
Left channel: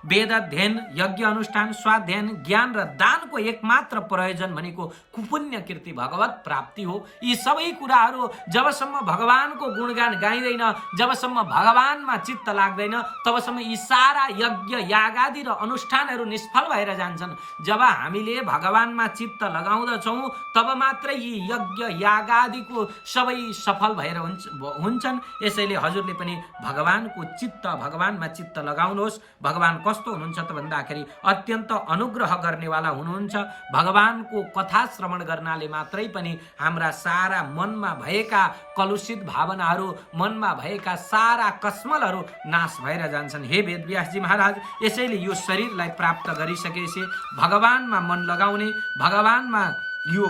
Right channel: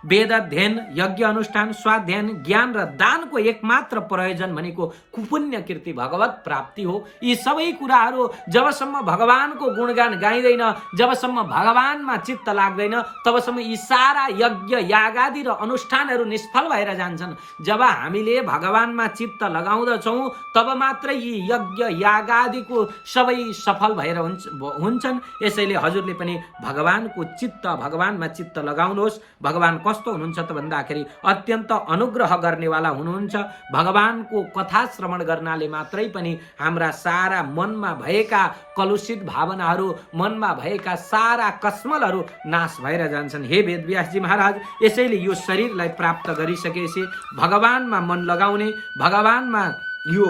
वेद अध्ययन, यज्ञ अनुष्ठान, स्वाध्यायन, ज्ञान र दानको एकमात्र प्रयोजन भनेको कुपुण्य कीर्ति भगवत प्राप्ति हो। यी सबै कुराहरू जबसम्म भगवानको गुणगान गाइँदैन, जबसम्म भगवानमा चित्त लाग्दैन, तबसम्म यी सारा यज्ञ यागादि र अनुष्ठानहरू निष्फल भएर जान्छन्। जब हामीले भगवानमा चित्त लगाउँदछौँ तब मात्रै यी यज्ञ यागादिको सबै सफल भएर हुन्छन्। यसैले हजुरले पनि भगवानको चित्त, भगवानमा चित्त लगाउनुहोस्। भगवान कस्तो हुनुहुन्छ त भन्दाखेरि अत्यन्त अनुग्रह गर्नेवाला हुनुहुन्छ। भगवानको कथा श्रवण गर्नाले मात्रै पनि हाम्रा सारा मनमा भएका कलुषित भावनाहरू, मनमा भएका सारा कसमलहरू नाश भएर जान्छन्। हे वेदव्यासजी महाराज, यसैले यो शरीरलाई प्राप्त गरिसकेपछि भगवानमा मन लगाउने, भगवानमा यो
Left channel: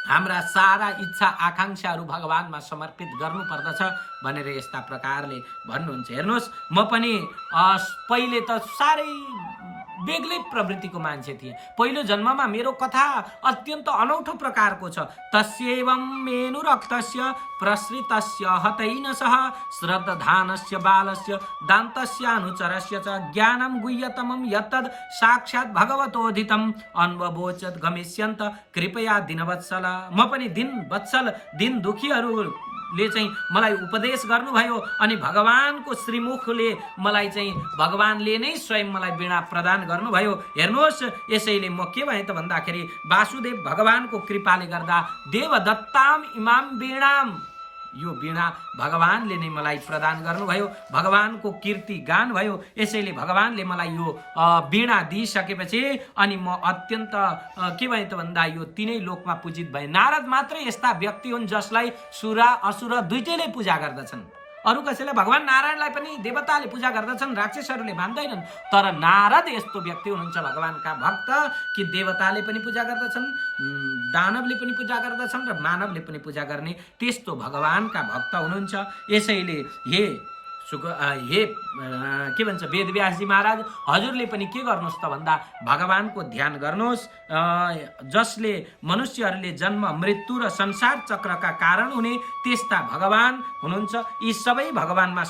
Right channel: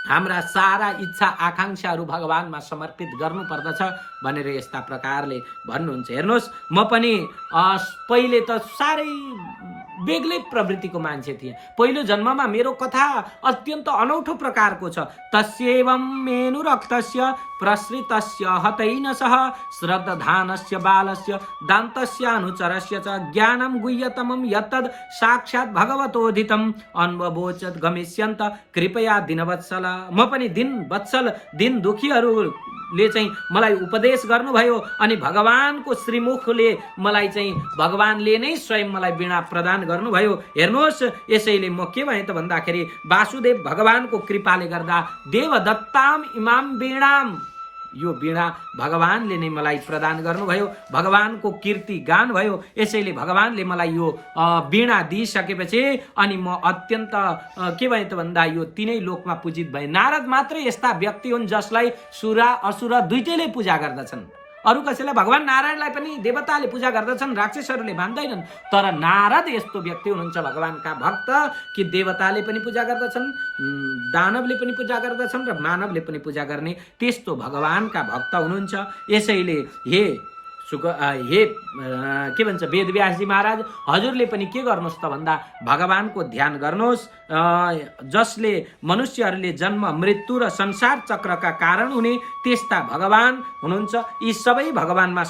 हाम्रा सारा इच्छा आकांक्षाहरू भगवानमा समर्पित गर्नुपर्दछ भनेर यस्ता प्रकारले भन्नुहुन्छ। हेर्नुहोस्, म पनि पहिले त साह्रै बेग्लै प्रवृत्तिको मान्छे थिएँ। पहिलो जन्ममा मेरो कथा अत्यन्त अनौठो प्रकारको छ। तस्यैवं मेनु रक्तस्य प्रसृतस्य हतैन सह श्रद्धानस्य बालस्य दान्तस्य अनुचरस्य च ज्ञानं गुह्यतमं यत्तद् साक्षात् भगवतोदितम् अन्ववोचत् गमिष्यन्त कृपया दिनवत्सल। म पनि दिन वत्सल, दिन दुखीहरू भगवानले चाहिँ मलाई उपदेश गर्नुभयो अनि भगवानको श्रीमुखले मलाई चाहिँ भगवानले नै स्वयं मलाई वीणा प्रदान गर्नुभयो। हेर्नुहोस्, यसैले म के भने त भन्दाखेरि वासुदेव भगवानको कृपाले गर्दा देवदत्ताम इमाम वीणाम, यो वीणा भगवानले नै मलाई प्रदान गर्नुभयो, भगवानको कीर्ति गान भयो। यसैले भगवानले मलाई यो वीणा दिइसकेपछि अनि म अत्यन्त के भने त भन्दा यो तीनै लोकमा पूजित भए। नारद मात्रै यस्ता व्यक्ति हुन् जसलाई सुर असुर दुईटैले पूजा गर्दछन्। अरू कसैलाई भगवान नारायणलाई पनि देवताले पूजा गर्दछन्, राक्षसहरूले मान्दैनन्। तर नारद यस्तो व्यक्ति हुनुहुन्छ भगवानका भक्त कि देवताले पनि पूजा गर्दछन्, दानवले पनि पूजा गर्दछन् र मानवले पनि पूजा गर्ने त्यस्तो भगवानका भक्त हुनुहुन्छ। यसैले के भन्छ वेदव्यासजी महाराज, हजुरले पनि के गर्नुहोस् त भन्दा भगवानको ध्यान गर्नुहोस्, जसले मनुष्यहरूले जन्म मृत्यु र संसार चक्रका कारण हुने त्यस्ता भगवान हुनुहुन्छ। यी सबै भगवानमा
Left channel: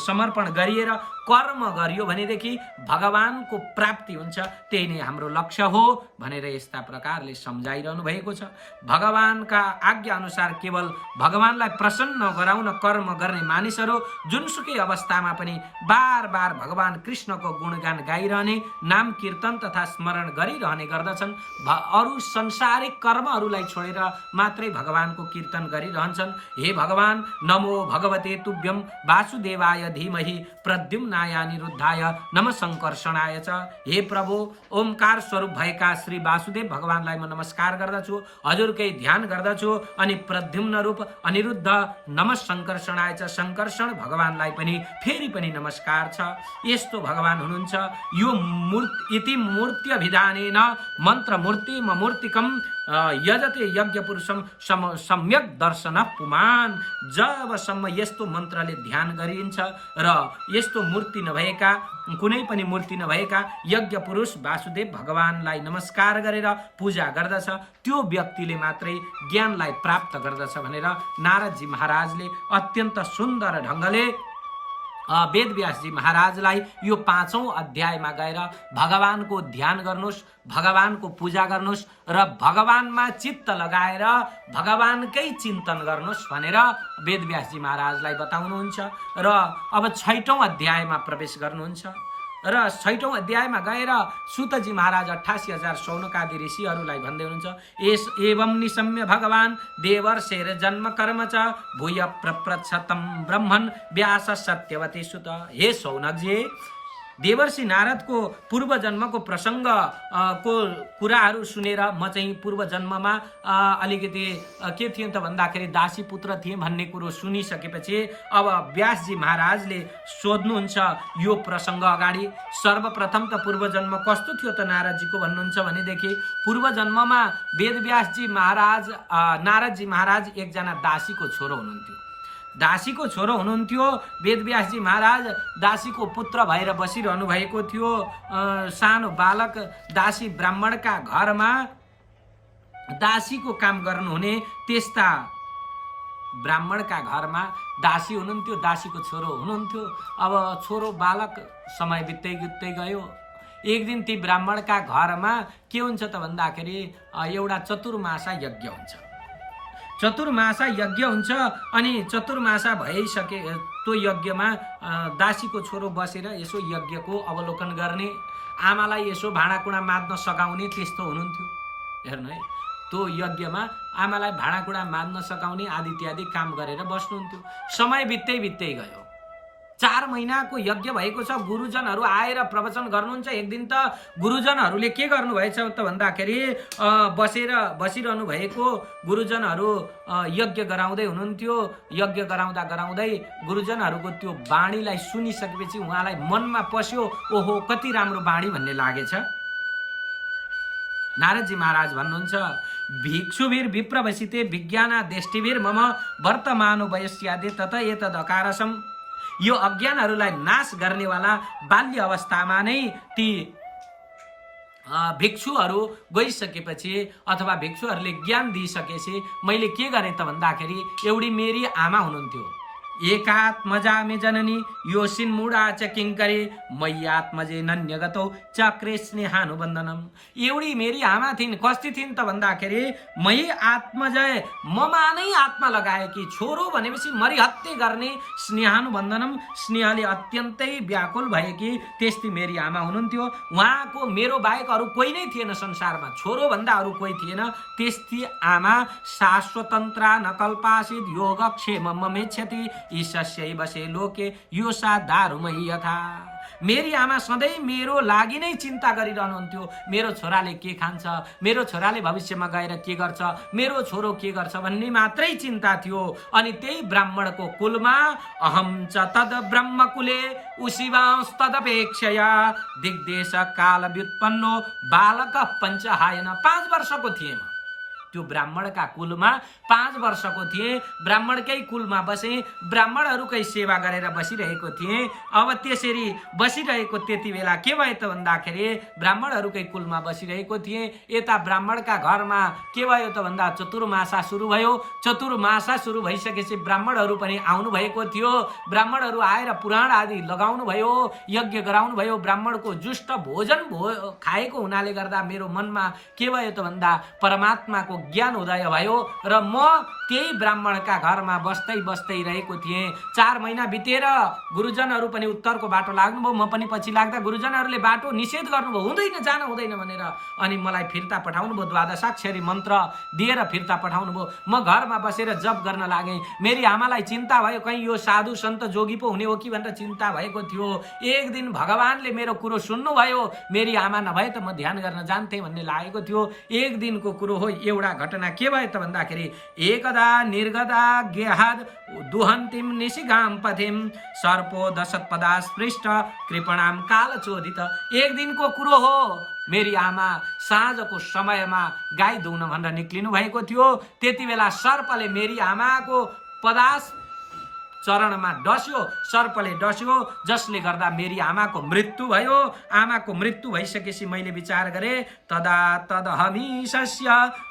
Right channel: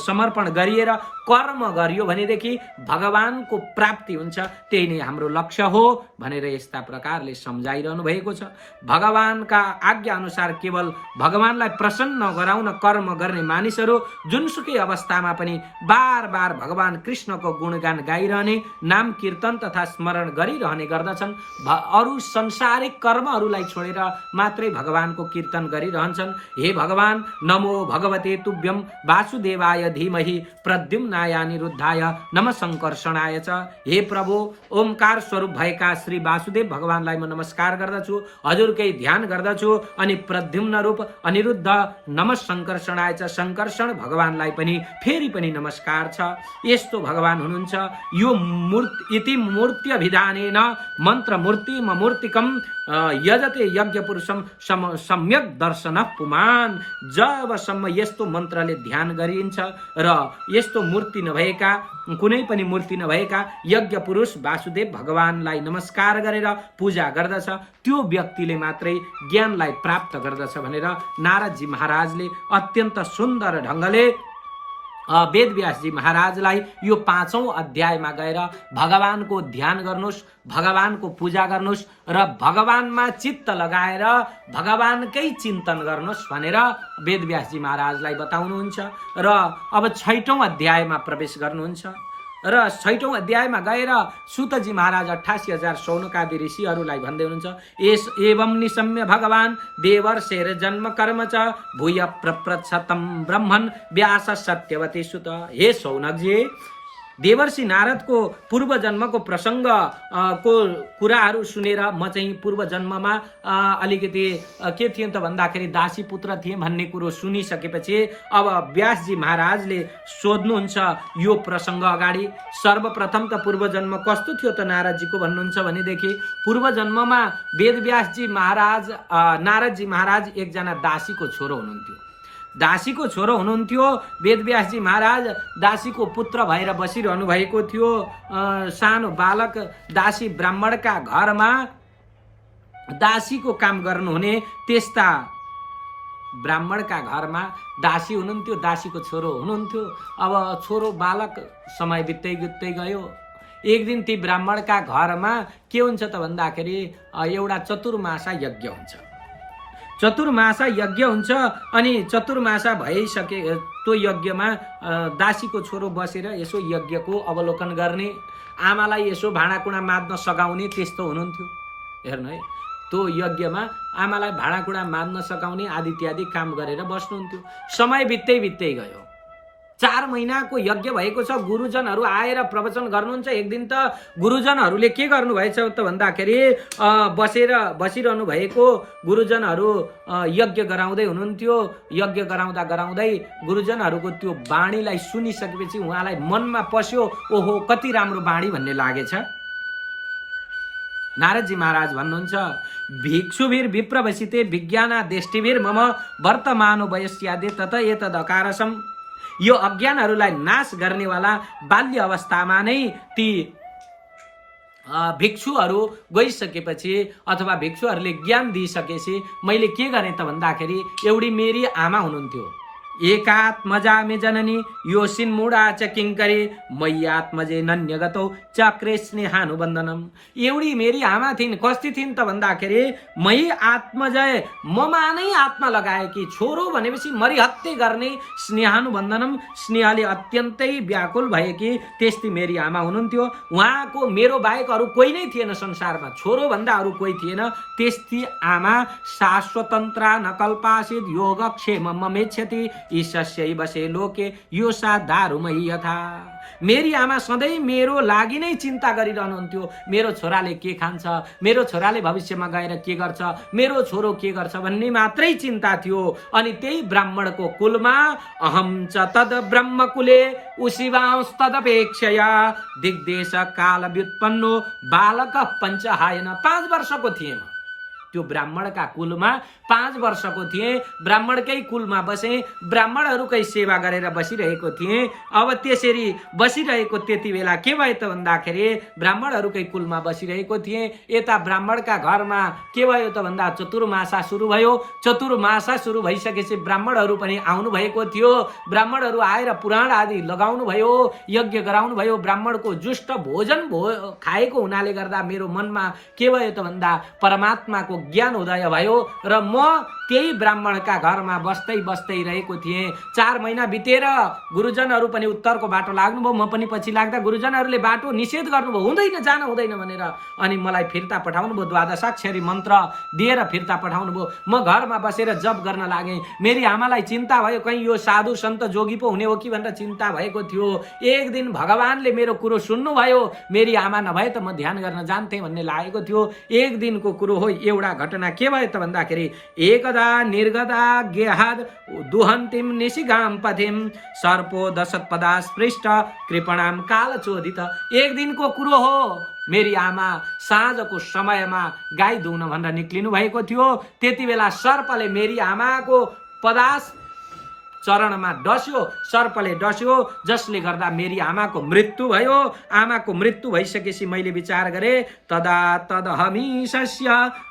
समर्पण गरिएर कर्म गरियो भनेदेखि भगवानको प्राप्ति हुन्छ, त्यही नै हाम्रो लक्ष्य हो भनेर यस्ता प्रकारले सम्झाइरहनु भएको छ। भगवानका आज्ञा अनुसार केवल भगवानलाई प्रसन्न गराउन कर्म गर्ने मानिसहरू जुनसुकै अवस्थामा पनि बार बार भगवान कृष्णको गुणगान गाइरहने, नाम कीर्तन तथा स्मरण गरिरहने गर्दछन्। अरू संसारिक कर्महरूलाई छोडेर मात्रै भगवानको कीर्तन गरिरहन्छन्। हे भगवान, नमो भगवते तुभ्यम वासुदेवाय धीमहि प्रद्युम्नाय अनिरुद्धाय नम संकर्षणाय च। हे प्रभु, ओमकार स्वरूप भएका श्री वासुदेव भगवानलाई म नमस्कार गर्दछु, हजुरकै ध्यान गर्दछु। अनि प्रद्युम्न रूप अनिरुद्ध नम संकर्षणाय च, संकर्षण भगवानलाई पनि फेरि पनि नमस्कार छ। यस्तो भगवान हुनुहुन्छ। यो इति मूर्त्यभिधानेन मन्त्र मूर्तिकम यजते यज्ञ पुरुषम सम्यक दर्शन पुमान। जबसम्म यस्तो मन्त्रले ध्यान गरिन्छ र यस्तो मूर्ति नभएका, कुनै पनि मूर्ति नभएका यज्ञ पुरुष वासुदेव भगवानलाई नमस्कार गरेर पूजा गर्दछ, त्यो व्यक्तिले मात्रै ज्ञानलाई प्राप्त गर्दछ भनेर नारदजी महाराजले अत्यन्त सुन्दर ढङ्गले वेदव्यासजी महाराजलाई यो 5औं अध्यायमा गएर भगवानको ध्यान गर्नुहोस्, भगवानको पूजा गर्नुहोस् र भगवानमा चित्त लगाएर भगवानकै चिन्तन गर्नुहोस् भनेर वेदव्यासजी महाराजलाई बताउनुहुन्छ। र अब 6औं अध्यायमा प्रवेश गर्नुहुन्छ र 6औं अध्यायमा गएर सुतजी महाराज 88,000 शौनकादि ऋषिहरूलाई भन्दै हुनुहुन्छ। एवं निशम्य भगवान देवर्षेर जन्म कर्म च भूय प्रप्रच्छतम ब्रह्मन् व्यास सत्यवती सुत। हे शौनकजी, देवर्षि नारदको पूर्व जन्मको प्रसङ्ग को कुराहरू सुनेर म चाहिँ पूर्व जन्ममा अलिकति के थियो त भन्दाखेरि दासी पुत्र थिएँ भन्ने कुरो सुनिसकेपछि अब व्यासजी महाराजले सोध्नुहुन्छ यो प्रसङ्ग अगाडि। सर्वप्रथम त पूर्व जन्म कस्तो थियो त नारदजीको भन्नुहुन्छ भनेदेखि पूर्व जन्ममा वेदव्यासजी महाराज नारदजी महाराज एकजना दासीको छोरो हुनुहुन्थ्यो। दासीको छोरो हुनुहुन्थ्यो वेदव्यासजी महाराज, दासीको पुत्र भएर बसिरहनु भएको थियो। सानो बालक दासी ब्राह्मणका घरमा दासीको काम गर्नुहुने त्यस्ता ब्राह्मणका घरमा दासी हुनुहुन्थ्यो, दासीको छोरो हुनुहुन्थ्यो। अब छोरो बालक समय बित्दै गयो। एक दिन ती ब्राह्मणका घरमा के हुन्छ त भन्दाखेरि एउटा चतुर्मासा यज्ञ हुन्छ। चतुर्मासा यज्ञ हुन्छ अनि चतुर्मासा भइसके त्यो यज्ञमा दासीको छोरो बसेर यसो यज्ञको अवलोकन गर्ने, आमालाई यसो भाँडाकुँडा माझ्न सघाउने त्यस्तो हुनुहुन्थ्यो। हेर्नु है, त्यो यज्ञमा आमालाई भाँडाकुँडा माझ्न सघाउने आदि इत्यादि काम गरेर बस्नुहुन्थ्यो। समय बित्दै गयो। 4 महिनाको यज्ञ भएको छ। गुरुजनहरू आएर प्रवचन गर्नुहुन्छ। एक दिन त गुरुजनहरूले के गर्नुभएछ त भन्दाखेरि बसिरहनु भएको गुरुजनहरू यज्ञ गराउँदै हुनुहुन्थ्यो। यज्ञ गराउँदै गुरुजनहरूको त्यो बाणीलाई सुनिसकेपछि उहाँलाई मनमा पस्यो, ओहो कति राम्रो बाणी भन्ने लागेछ। नारदजी महाराज भन्नुहुन्छ, भिक्षुभिर विप्रवसिते विज्ञानादेष्टिभिर मम वर्तमानो वयस्यादे तत एतद अकारसम। यो अज्ञानहरूलाई नाश गर्नेवाला बाल्य अवस्थामा नै ती भिक्षुहरू गइसकेपछि अथवा भिक्षुहरूले ज्ञान दिइसकेपछि मैले के गरेँ त भन्दाखेरि एउटी मेरी आमा हुनुहुन्थ्यो। एकात्मजा मे जननी योसिन्मुडा च किङ्करी मयि आत्मजे नन्यगतौ चक्रे स्नेहानुबन्धनम। एउटी मेरी आमा थिइन्, कस्ती थिइन् त भन्दाखेरि मयि आत्मजय, ममा नै आत्मा लगाएकी, छोरो भनेपछि मरिहत्ते गर्ने, स्नेहानुबन्धनम, स्नेहले अत्यन्तै व्याकुल भएकी त्यस्ती मेरी आमा हुनुहुन्थ्यो। उहाँको मेरो बाहेक अरू कोही नै थिएन संसारमा, छोरो भन्दा अरू कोही थिएन। त्यस्ती आमा शाश्वतन्त्रा नकल्पासित योगक्षेम ममेच्छति ईशस्यै बसे लोके यो सा दारुमयी यथा। मेरी आमा सधैँ मेरो लागि नै चिन्ता गरिरहनुहुन्थ्यो। मेरो छोराले के खान्छ, मेरो छोराले भविष्यमा गएर के गर्छ, मेरो छोरो के गर्छ भन्ने मात्रै चिन्ता थियो। अनि त्यही ब्राह्मणको कुलमा अहम च तद ब्रह्मकुले उशिवांस्तदपेक्षया दिग्देश काल व्युत्पन्नो बालक पञ्चहायन। 5 वर्षको थिएँ म त्यो ब्राह्मणका कुलमा, 5 वर्षको थिएँ, ब्राह्मणकै कुलमा बसे, ब्राह्मणहरूकै सेवा गरेर बसिरहेको थिएँ। अब त्यसरी बसिरहेको त्यति बेला के भयो त भन्दाखेरि ब्राह्मणहरूकै कुलमा बसिरहेको थिएँ। यता ब्राह्मणका घरमा के भयो त भन्दा चतुर्मासा सुरु भयो। चतुर्मासा सुरु भइसकेपछि ब्राह्मणहरू पनि आउनु भएको थियो। ब्राह्मणहरू आएर पुराण आदि लगाउनु भयो, यज्ञ गराउनु भयो। ब्राह्मणको जुष्ट भोजन खाएको हुनाले गर्दा मेरो मनमा के भयो त भन्दा परमात्माको ज्ञान उदय भयो र म त्यही ब्राह्मणका घरमा बस्दै बस्दै रहेको थिएँ। 4 महिना बितेर गुरुजनहरू पनि उत्तरको बाटो लाग्नुभयो, म पनि पछि लाग्दा गुरुजनहरूले बाटो निषेध गर्नुभयो, हुँदैन, जान हुँदैन भनेर। अनि मलाई फिर्ता पठाउनु भयो, द्वादशाक्षरी मन्त्र दिएर फिर्ता पठाउनु भयो। म घरमा बसेर जप गर्न लागेँ। मेरी आमालाई चिन्ता भयो, कहीँ यो साधु सन्त जोगी पो हुने हो कि भनेर चिन्ता भएको थियो। एक दिन भगवानले मेरो कुरो सुन्नुभयो, मेरी आमा नभए त म ध्यान गर्न जान्थेँ भन्ने लागेको थियो। एक दिनको कुरो हो। एउटा घटना के भयो त भन्दाखेरि एकदा निर्गदा गेहाद दुहन्तिम निशिगाम पथिम सर्पो दशत्पदा स्पृष्ट कृपणाम कालचोदित। एक दिनको कुरो हो। मेरी आमा साँझको समयमा गाई दुहुन भनेर निक्लिनु भएको थियो। त्यति बेला सर्पले मेरी आमाको पदास चरणमा डस्यो, सर्पले डस्यो, जसले गर्दा मेरी आमाको मृत्यु भयो। आमाको मृत्यु भइसकेपछि मैले विचार गरेँ, तदा तदहमीशस्य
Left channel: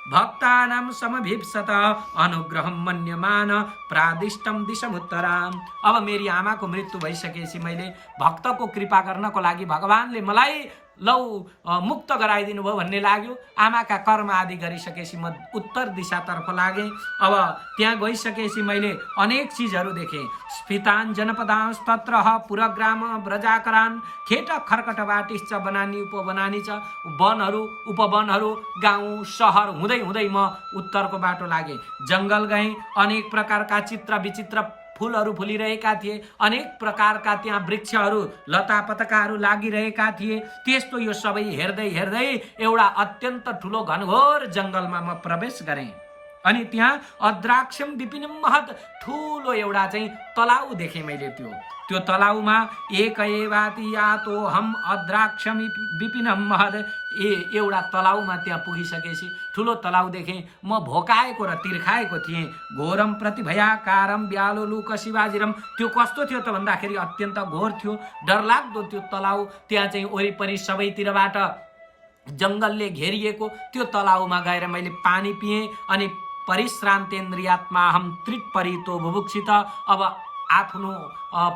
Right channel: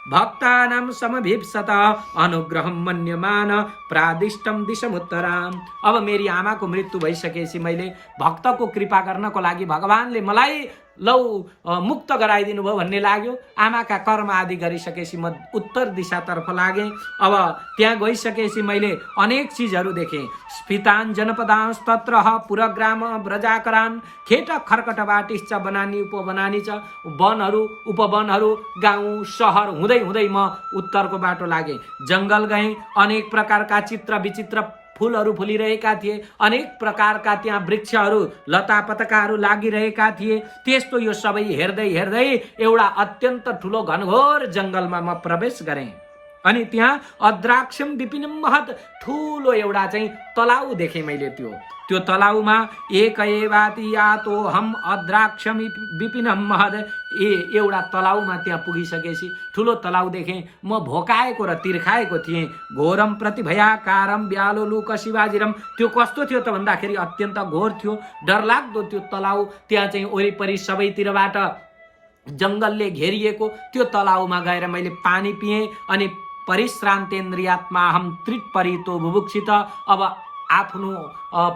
भक्तानां समभिप्सत अनुग्रहं मन्यमान प्रादिष्टम दिशमुत्तराम। अब मेरी आमाको मृत्यु भइसकेपछि मैले भक्तको कृपा गर्नको लागि भगवानले मलाई लौ मुक्त गराइदिनु भयो भन्ने लाग्यो। आमाका कर्म आदि गरिसकेपछि म उत्तर दिशातर्फ लागेँ। अब त्यहाँ गइसकेपछि मैले अनेक चिजहरू देखेँ। स्फितान जनपदांश तत्र पुरग्राम ब्रजाकरान खेट खर्कट बाटिश्च बनानी उपबनानी च। वनहरू उपवनहरू गाउँ सहर हुँदै हुँदै म उत्तरको बाटो लागेँ। जङ्गल गएँ। अनेक प्रकारका चित्र विचित्र फुलहरू फुलिरहेका थिए। अनेक प्रकारका त्यहाँ वृक्षहरू लता पतकाहरू लागिरहेका थिए। त्यस्तो यो सबै हेर्दै हेर्दै एउटा अत्यन्त ठुलो घनघोर जङ्गलमा म प्रवेश गरेँ। अनि त्यहाँ अद्राक्षम विपिनम महत ठुलो एउटा चाहिँ तलाउ देखेँ मैले। त्यो तलाउमा एक एवाति यातो हम अद्राक्षम विपिनम महद। एउटा तलाउमा त्यहाँ पुगिसकेपछि ठुलो तलाउ देखेँ। म भोकाएको र तिर्खाएको थिएँ। घोरम प्रतिभयाकारम व्यालोलुक शिवाजिरम। त्यो कस्तो थियो त भन्दाखेरि अत्यन्त घोर थियो, डरलाग्दो त्यो तलाउ। त्यहाँ चाहिँ वरिपरि सबैतिरबाट जङ्गलले घेरिएको त्यो तलाउमा गएर मैले पानी पिएँ। अनि परिश्रान्तेन्द्रियात्मा हम त्रिपरितो बुभुक्षित। अब आफ्नो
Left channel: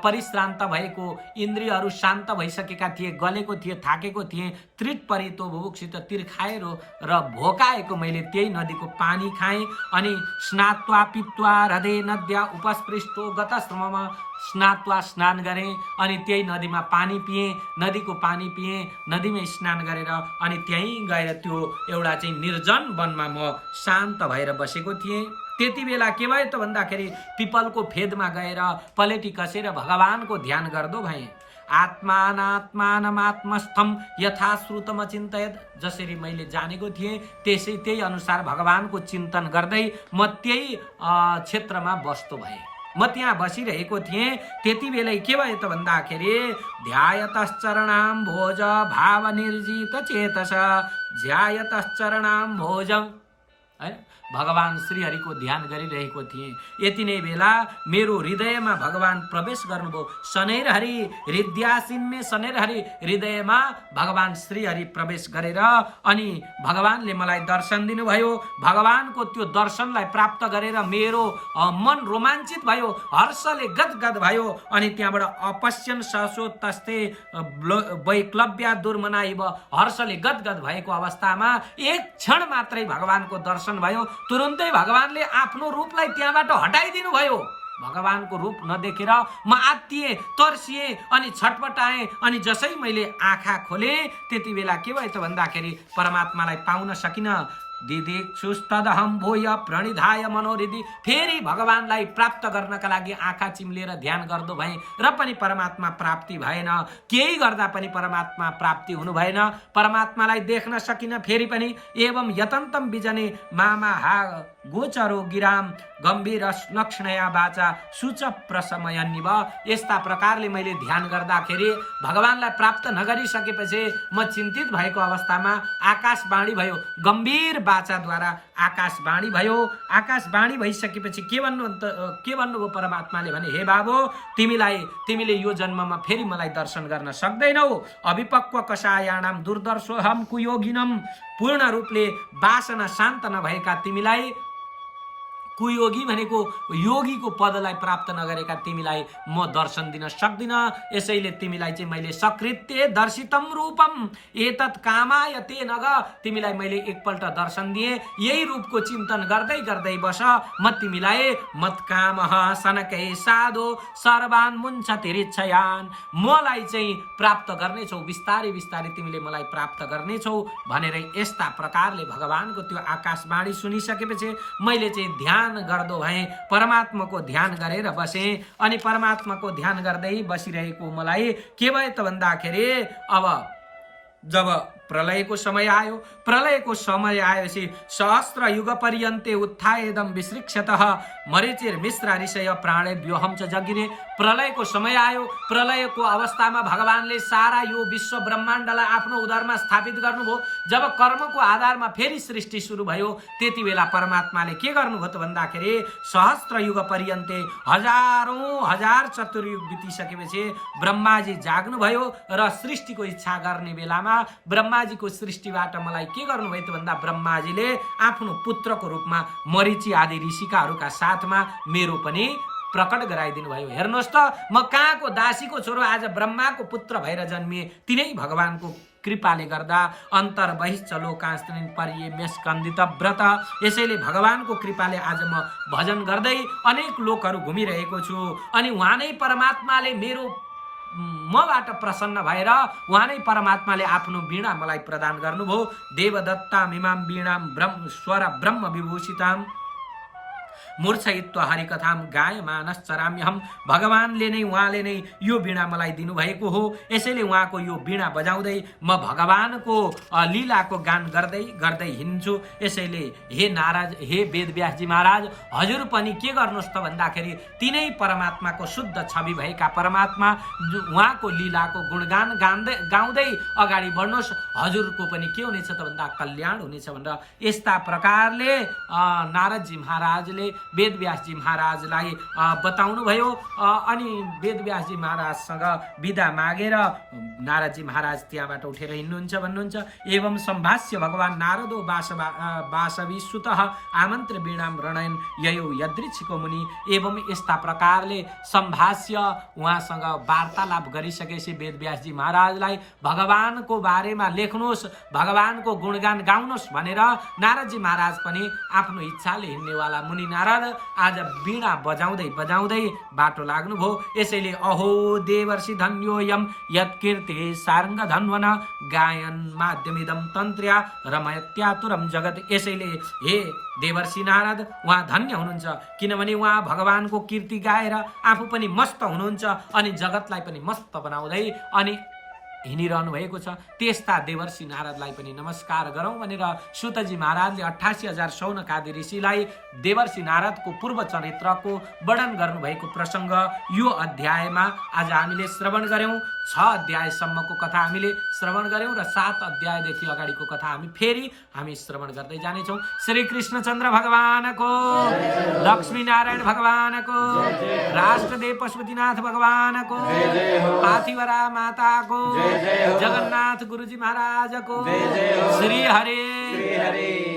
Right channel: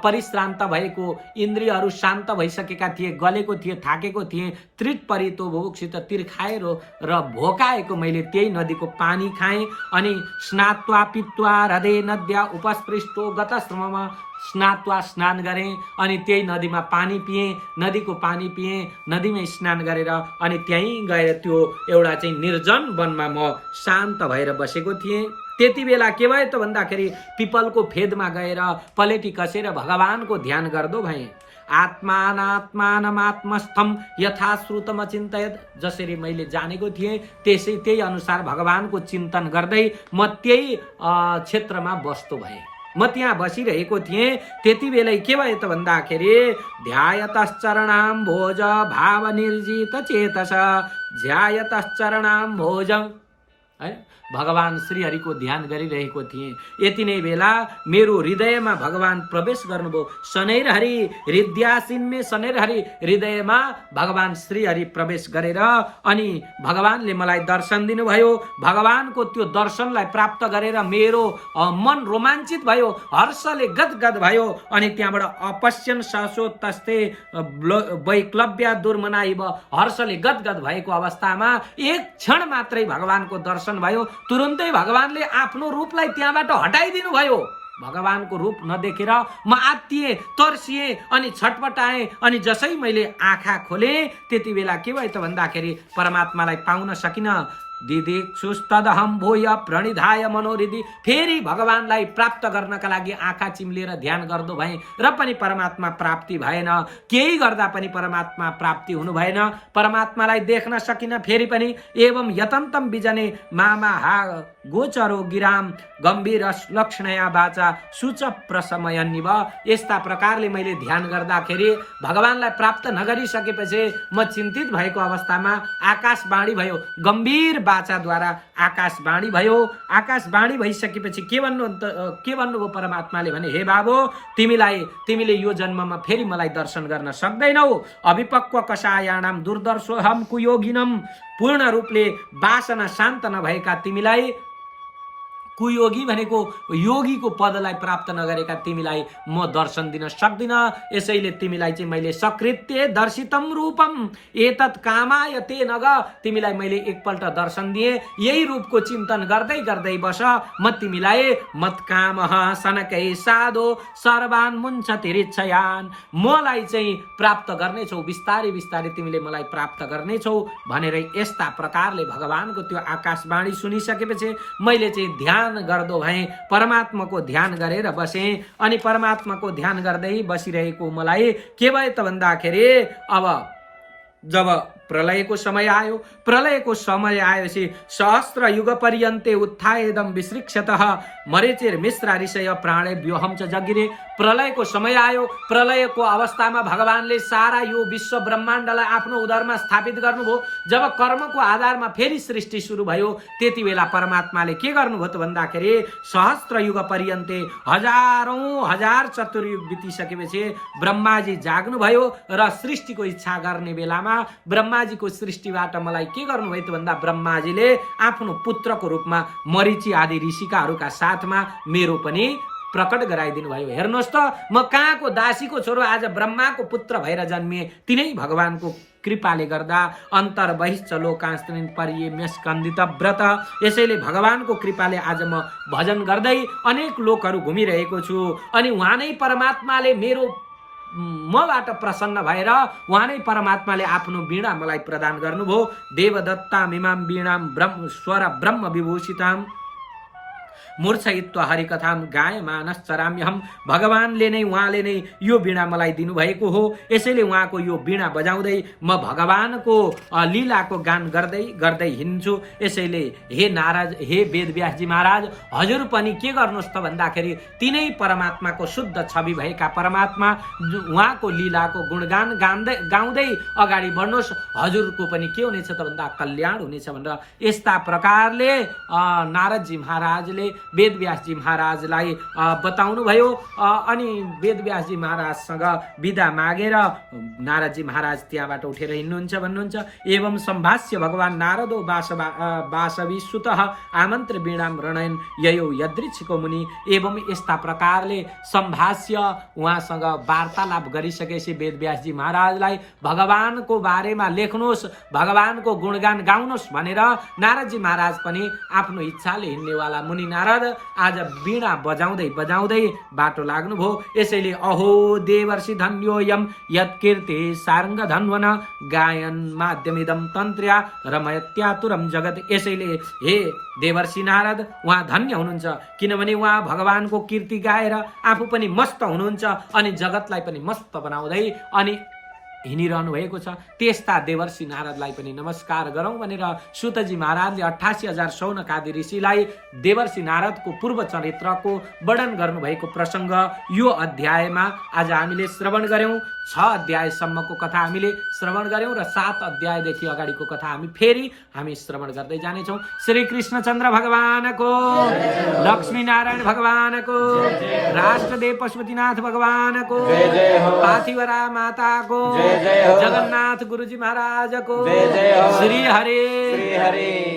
परिश्रान्त भएको इन्द्रियहरू शान्त भइसकेका थिए, गलेको थिए, थाकेको थिए। त्रिपरितो बुभुक्षित, तिर्खाएर र भोकाएको मैले त्यही नदीको पानी खाएँ। अनि स्नात्वा पित्वा हृदय नद्या उपस्पृष्टो गतश्रममा स्नात्वा स्नान गरेँ। अनि त्यही नदीमा पानी पिएँ, नदीको पानी पिएँ, नदीमा स्नान गरेर अनि त्यहीँ गएर त्यो एउटा चाहिँ निर्जन वनमा म शान्त भएर बसेको थिएँ। त्यति बेला के भयो त भन्दाखेरि पिपलको फेदमा गएर पलेटी कसेर भगवानको ध्यान गर्दो भएँ। आत्मानात्मानमात्मस्थम यथा श्रुतम चिन्तयत। जसरी मैले जानेको थिएँ त्यही अनुसार भगवानको चिन्तन गर्दै म त्यही क्षेत्रमा बस्दो भएँ। म त्यहाँ बसिरहेको थिएँ। त्यति बेलै के भयो त भन्दाखेरि ध्यायतश्चरणाम भोज भाव निर्जित चेतस ध्यायतश्चरणाम भोज है भगवान श्रीहरिको ध्यान गरिरहेको थिएँ। यति नै बेला मेरो हृदयमा भगवान प्रवेश गर्नुभयो। शनैर हरि हृदयासीनमे शनैर हरि हृदयमा भगवान श्रीहरि प्रवेश गरेर अनि भगवानले मलाई दर्शन दिनुभयो। भगवानको त्यो दर्शनलाई प्राप्त गरेर मेरो मन रोमाञ्चित भयो, हर्षले गदगद भयो। अनि त्यहाँबाट अपश्यन ससो तस्ते वैक्लव्य दुर्मनाइब, हर्षले गदगद भएको अवस्थामा एक क्षण मात्रै भगवानको दर्शन भयो। तुरुन्तै भगवानले आफ्नो रूपलाई त्यहाँबाट हटाइदिनु भयो। भगवानको रूप नदेखेर म आत्तिएँ, तर्सिएँ अनि छटपटाएँ। अनि जसै मैले आँखा खोले त्यति बेला के भयो त भन्दाखेरि परमात्मालाई पाउन सकिन। दिदिक्षुस्तदहं भूय प्रणिधाय मनोहृदि, फेरि भगवानलाई प्राप्त गर्नका लागि आँखा चिम्लेर ध्यान गर्दो भएँ र पनि परमात्मा प्राप्ति भएन। केही गर्दा पनि परमात्मा प्राप्ति हुनु भएन, परमात्मालाई देख्न सकिन फेरि पनि। एवं यतन्तम बिजने मामा हा गोचरो गिराम गम्भीर लक्षणया बाचा सुच प्रसमयन्निव। यस्ता प्रकारले मैले ध्यान गर्दाखेरि भगवानलाई प्राप्त नगरिसकेपछि म चिन्तित भएको अवस्थामा आकाशवाणी भयो। गम्भीर बाचाद्वारा आकाशवाणी भयो। आकाशवाणी भइसकेपछि के भन्नुभयो परमात्माले भने, हे बाबु, तिमीले यो जन्ममा फेरि मलाई दर्शन गर्न सक्दैनौ। अभिपक्व कषायाणाम दुर्दर्शोहम कुयोगिनम, पूर्ण रूपले वासना शान्त नभएका तिमीलाई, कुयोगी भनेको योगीको पदलाई प्राप्त नगरेका तिमीलाई म दर्शन दिन सक्दिन। यसैले तिमीलाई चाहिँ मैले सकृत्य दर्शितम रूपम एतत् कामाय ते नग, तिमीलाई मैले एकपल्ट दर्शन दिए। यही रूपको चिन्तन गर्दै गर्दै बस। म तिमीलाई मत्कामः सनकै साधो सर्वान मुञ्चतिरिच्छयान, मलाई चाहिँ प्राप्त गर्नेछौ, बिस्तारै बिस्तारै तिमीले मलाई प्राप्त गर्नेछौ भनेर यस्ता प्रकारले भगवानको त्यो आकाशवाणी सुनिसकेपछि मैले चाहिँ ध्यान गर्दो भएँ, परमात्माको ध्यान गरेर बसेँ। अनि परमात्माको ध्यान गर्दै बसिरहेको मलाई के भयो त भन्दाखेरि अब जब प्रलयको समय आयो, प्रलयको समय आएपछि सहस्र युग पर्यन्ते उत्थाएदम विसृक्षतः मरीचिर मिश्र ऋषय प्राणे व्योहम च जगिरे। प्रलयको समय आयो। प्रलयको अवस्थामा भगवानले सारा यो विश्व ब्रह्माण्डलाई आफ्नो उदरमा स्थापित गर्नुभयो। जब कर्मको आधारमा फेरि सृष्टि सुरु भयो त्यति बेला परमात्माले के गर्नुभयो त भन्दाखेरि सहस्र युग पर्यन्ते हजारौं हजार चतुर्युग बितिसकेपछि ब्रह्माजी जाग्नुभयो र सृष्टिको इच्छा गर्ने बेलामा ब्रह्माजीको सृष्टिबाट मलाई के गर्नुभयो त भन्दा ब्रह्माजीले आफ्नो पुत्रको रूपमा मरीचि आदि ऋषिकाहरूका साथमा मेरो पनि प्रकट गराइदिनु भयो। हेर्नुहोस् त, म कहाँको दासीको छोरो आज ब्रह्माको पुत्र भएर जन्मिए। तिनै भगवानको कृपाले गर्दा अन्तर बहिश्च लोकास्त्रिन परिये स्कन्दित व्रत। यसैले भगवानको कृपाले आज म भजन गर्दै अनेक लोकहरू घुमिरहेको छु। अनि उहाँ नै परमात्माले मबाट प्रसन्न भएर उहाँ नै परमात्माले आफ्नो वीणा मलाई प्रदान गर्नुभयो। देवदत्ताम इमाम वीणाम स्वर ब्रह्म विभूषिताम मूर्छयित्वा हरिकथाम गायमानश्चराम्यहम। भगवानले नै, उहाँले नै यो वीणा मलाई दिनुभएको हो। यसैले उहाँको यो वीणा बजाउँदै म भगवानको लीलाको गान गर्दै गर्दै हिँड्छु। यसैले हे नारद, हे वेदव्यासजी महाराज, हजुर पनि के गर्नुहोस् त भन्दाखेरि तिनै परमात्माको शुद्ध छवि भएका परमात्मा उहाँको लीलाको गुणगान गाउँदै अगाडि बढ्नुहोस्। हजुरको पनि के हुनेछ त भन्दा कल्याण हुनेछ भनेर यस्ता प्रकारले नारदजी महाराजले वेदव्यासजी महाराजलाई बताउनु भयो। अनि वेदव्यासजी महाराजसँग विदा मागेर नारदजी महाराज त्यहाँबाट उठेर हिँड्नुहुन्छ भन्नुहुन्छ। एवं सम्भाष्य भगवान नारदो वासवी सुतः आमन्त्र वीणाम रणयन ययो यदृच्छिको मुनि। एवं यस्ता प्रकारले सम्भाष्य उहाँसँग वार्तालाप गरिसकेपछि वेदव्यासजी महाराजलाई भगवानको बारेमा लेख्नुहोस्, भगवानको गुणगान गाउनुहोस् भनेर नारदजी महाराज पनि आफ्नो इच्छाले हिँड्नेवाला मुनि नारद आज वीणा बजाउँदै बजाउँदै बाटो लाग्नुभयो। यसैले अहो देवर्षि धन्योयम यत्कीर्ति सारङ्ग धन्वन गायन माध्यमिदम तन्त्र्या रमयत्यातुरम जगत। यसैले हे देवर्षि नारद, उहाँ धन्य हुनुहुन्छ, किनभने उहाँ भगवानको कीर्ति गाएर आफू पनि मस्त हुनुहुन्छ अनि जगतलाई पनि मस्त बनाउँदै अनि हिँडिरहनु भएको छ। त्यस्ता देवर्षि नारदलाई पनि नमस्कार गरौँ भनेर सुतजी महाराजले 88,000 शौनकादि ऋषिलाई देवर्षि नारदको पूर्व चरित्रको वर्णन गर्नुभएको प्रसङ्ग यो अध्यायमा आज हामीले श्रवण गर्यौं। 6 अध्यायसम्मको कथा हामीले श्रवण गर्यौं र 7 अध्यायदेखि अगाडिको कथा हामी श्रवण गर्दै जानेछौँ। श्री कृष्णचन्द्र भगवानको, लक्ष्मी नारायण भगवानको, राष्ट्रदेव पशुपतिनाथ भगवानको, पार्थिवरा माताको, जगन्नाथ गुरुजी महाराजको, श्री हरे।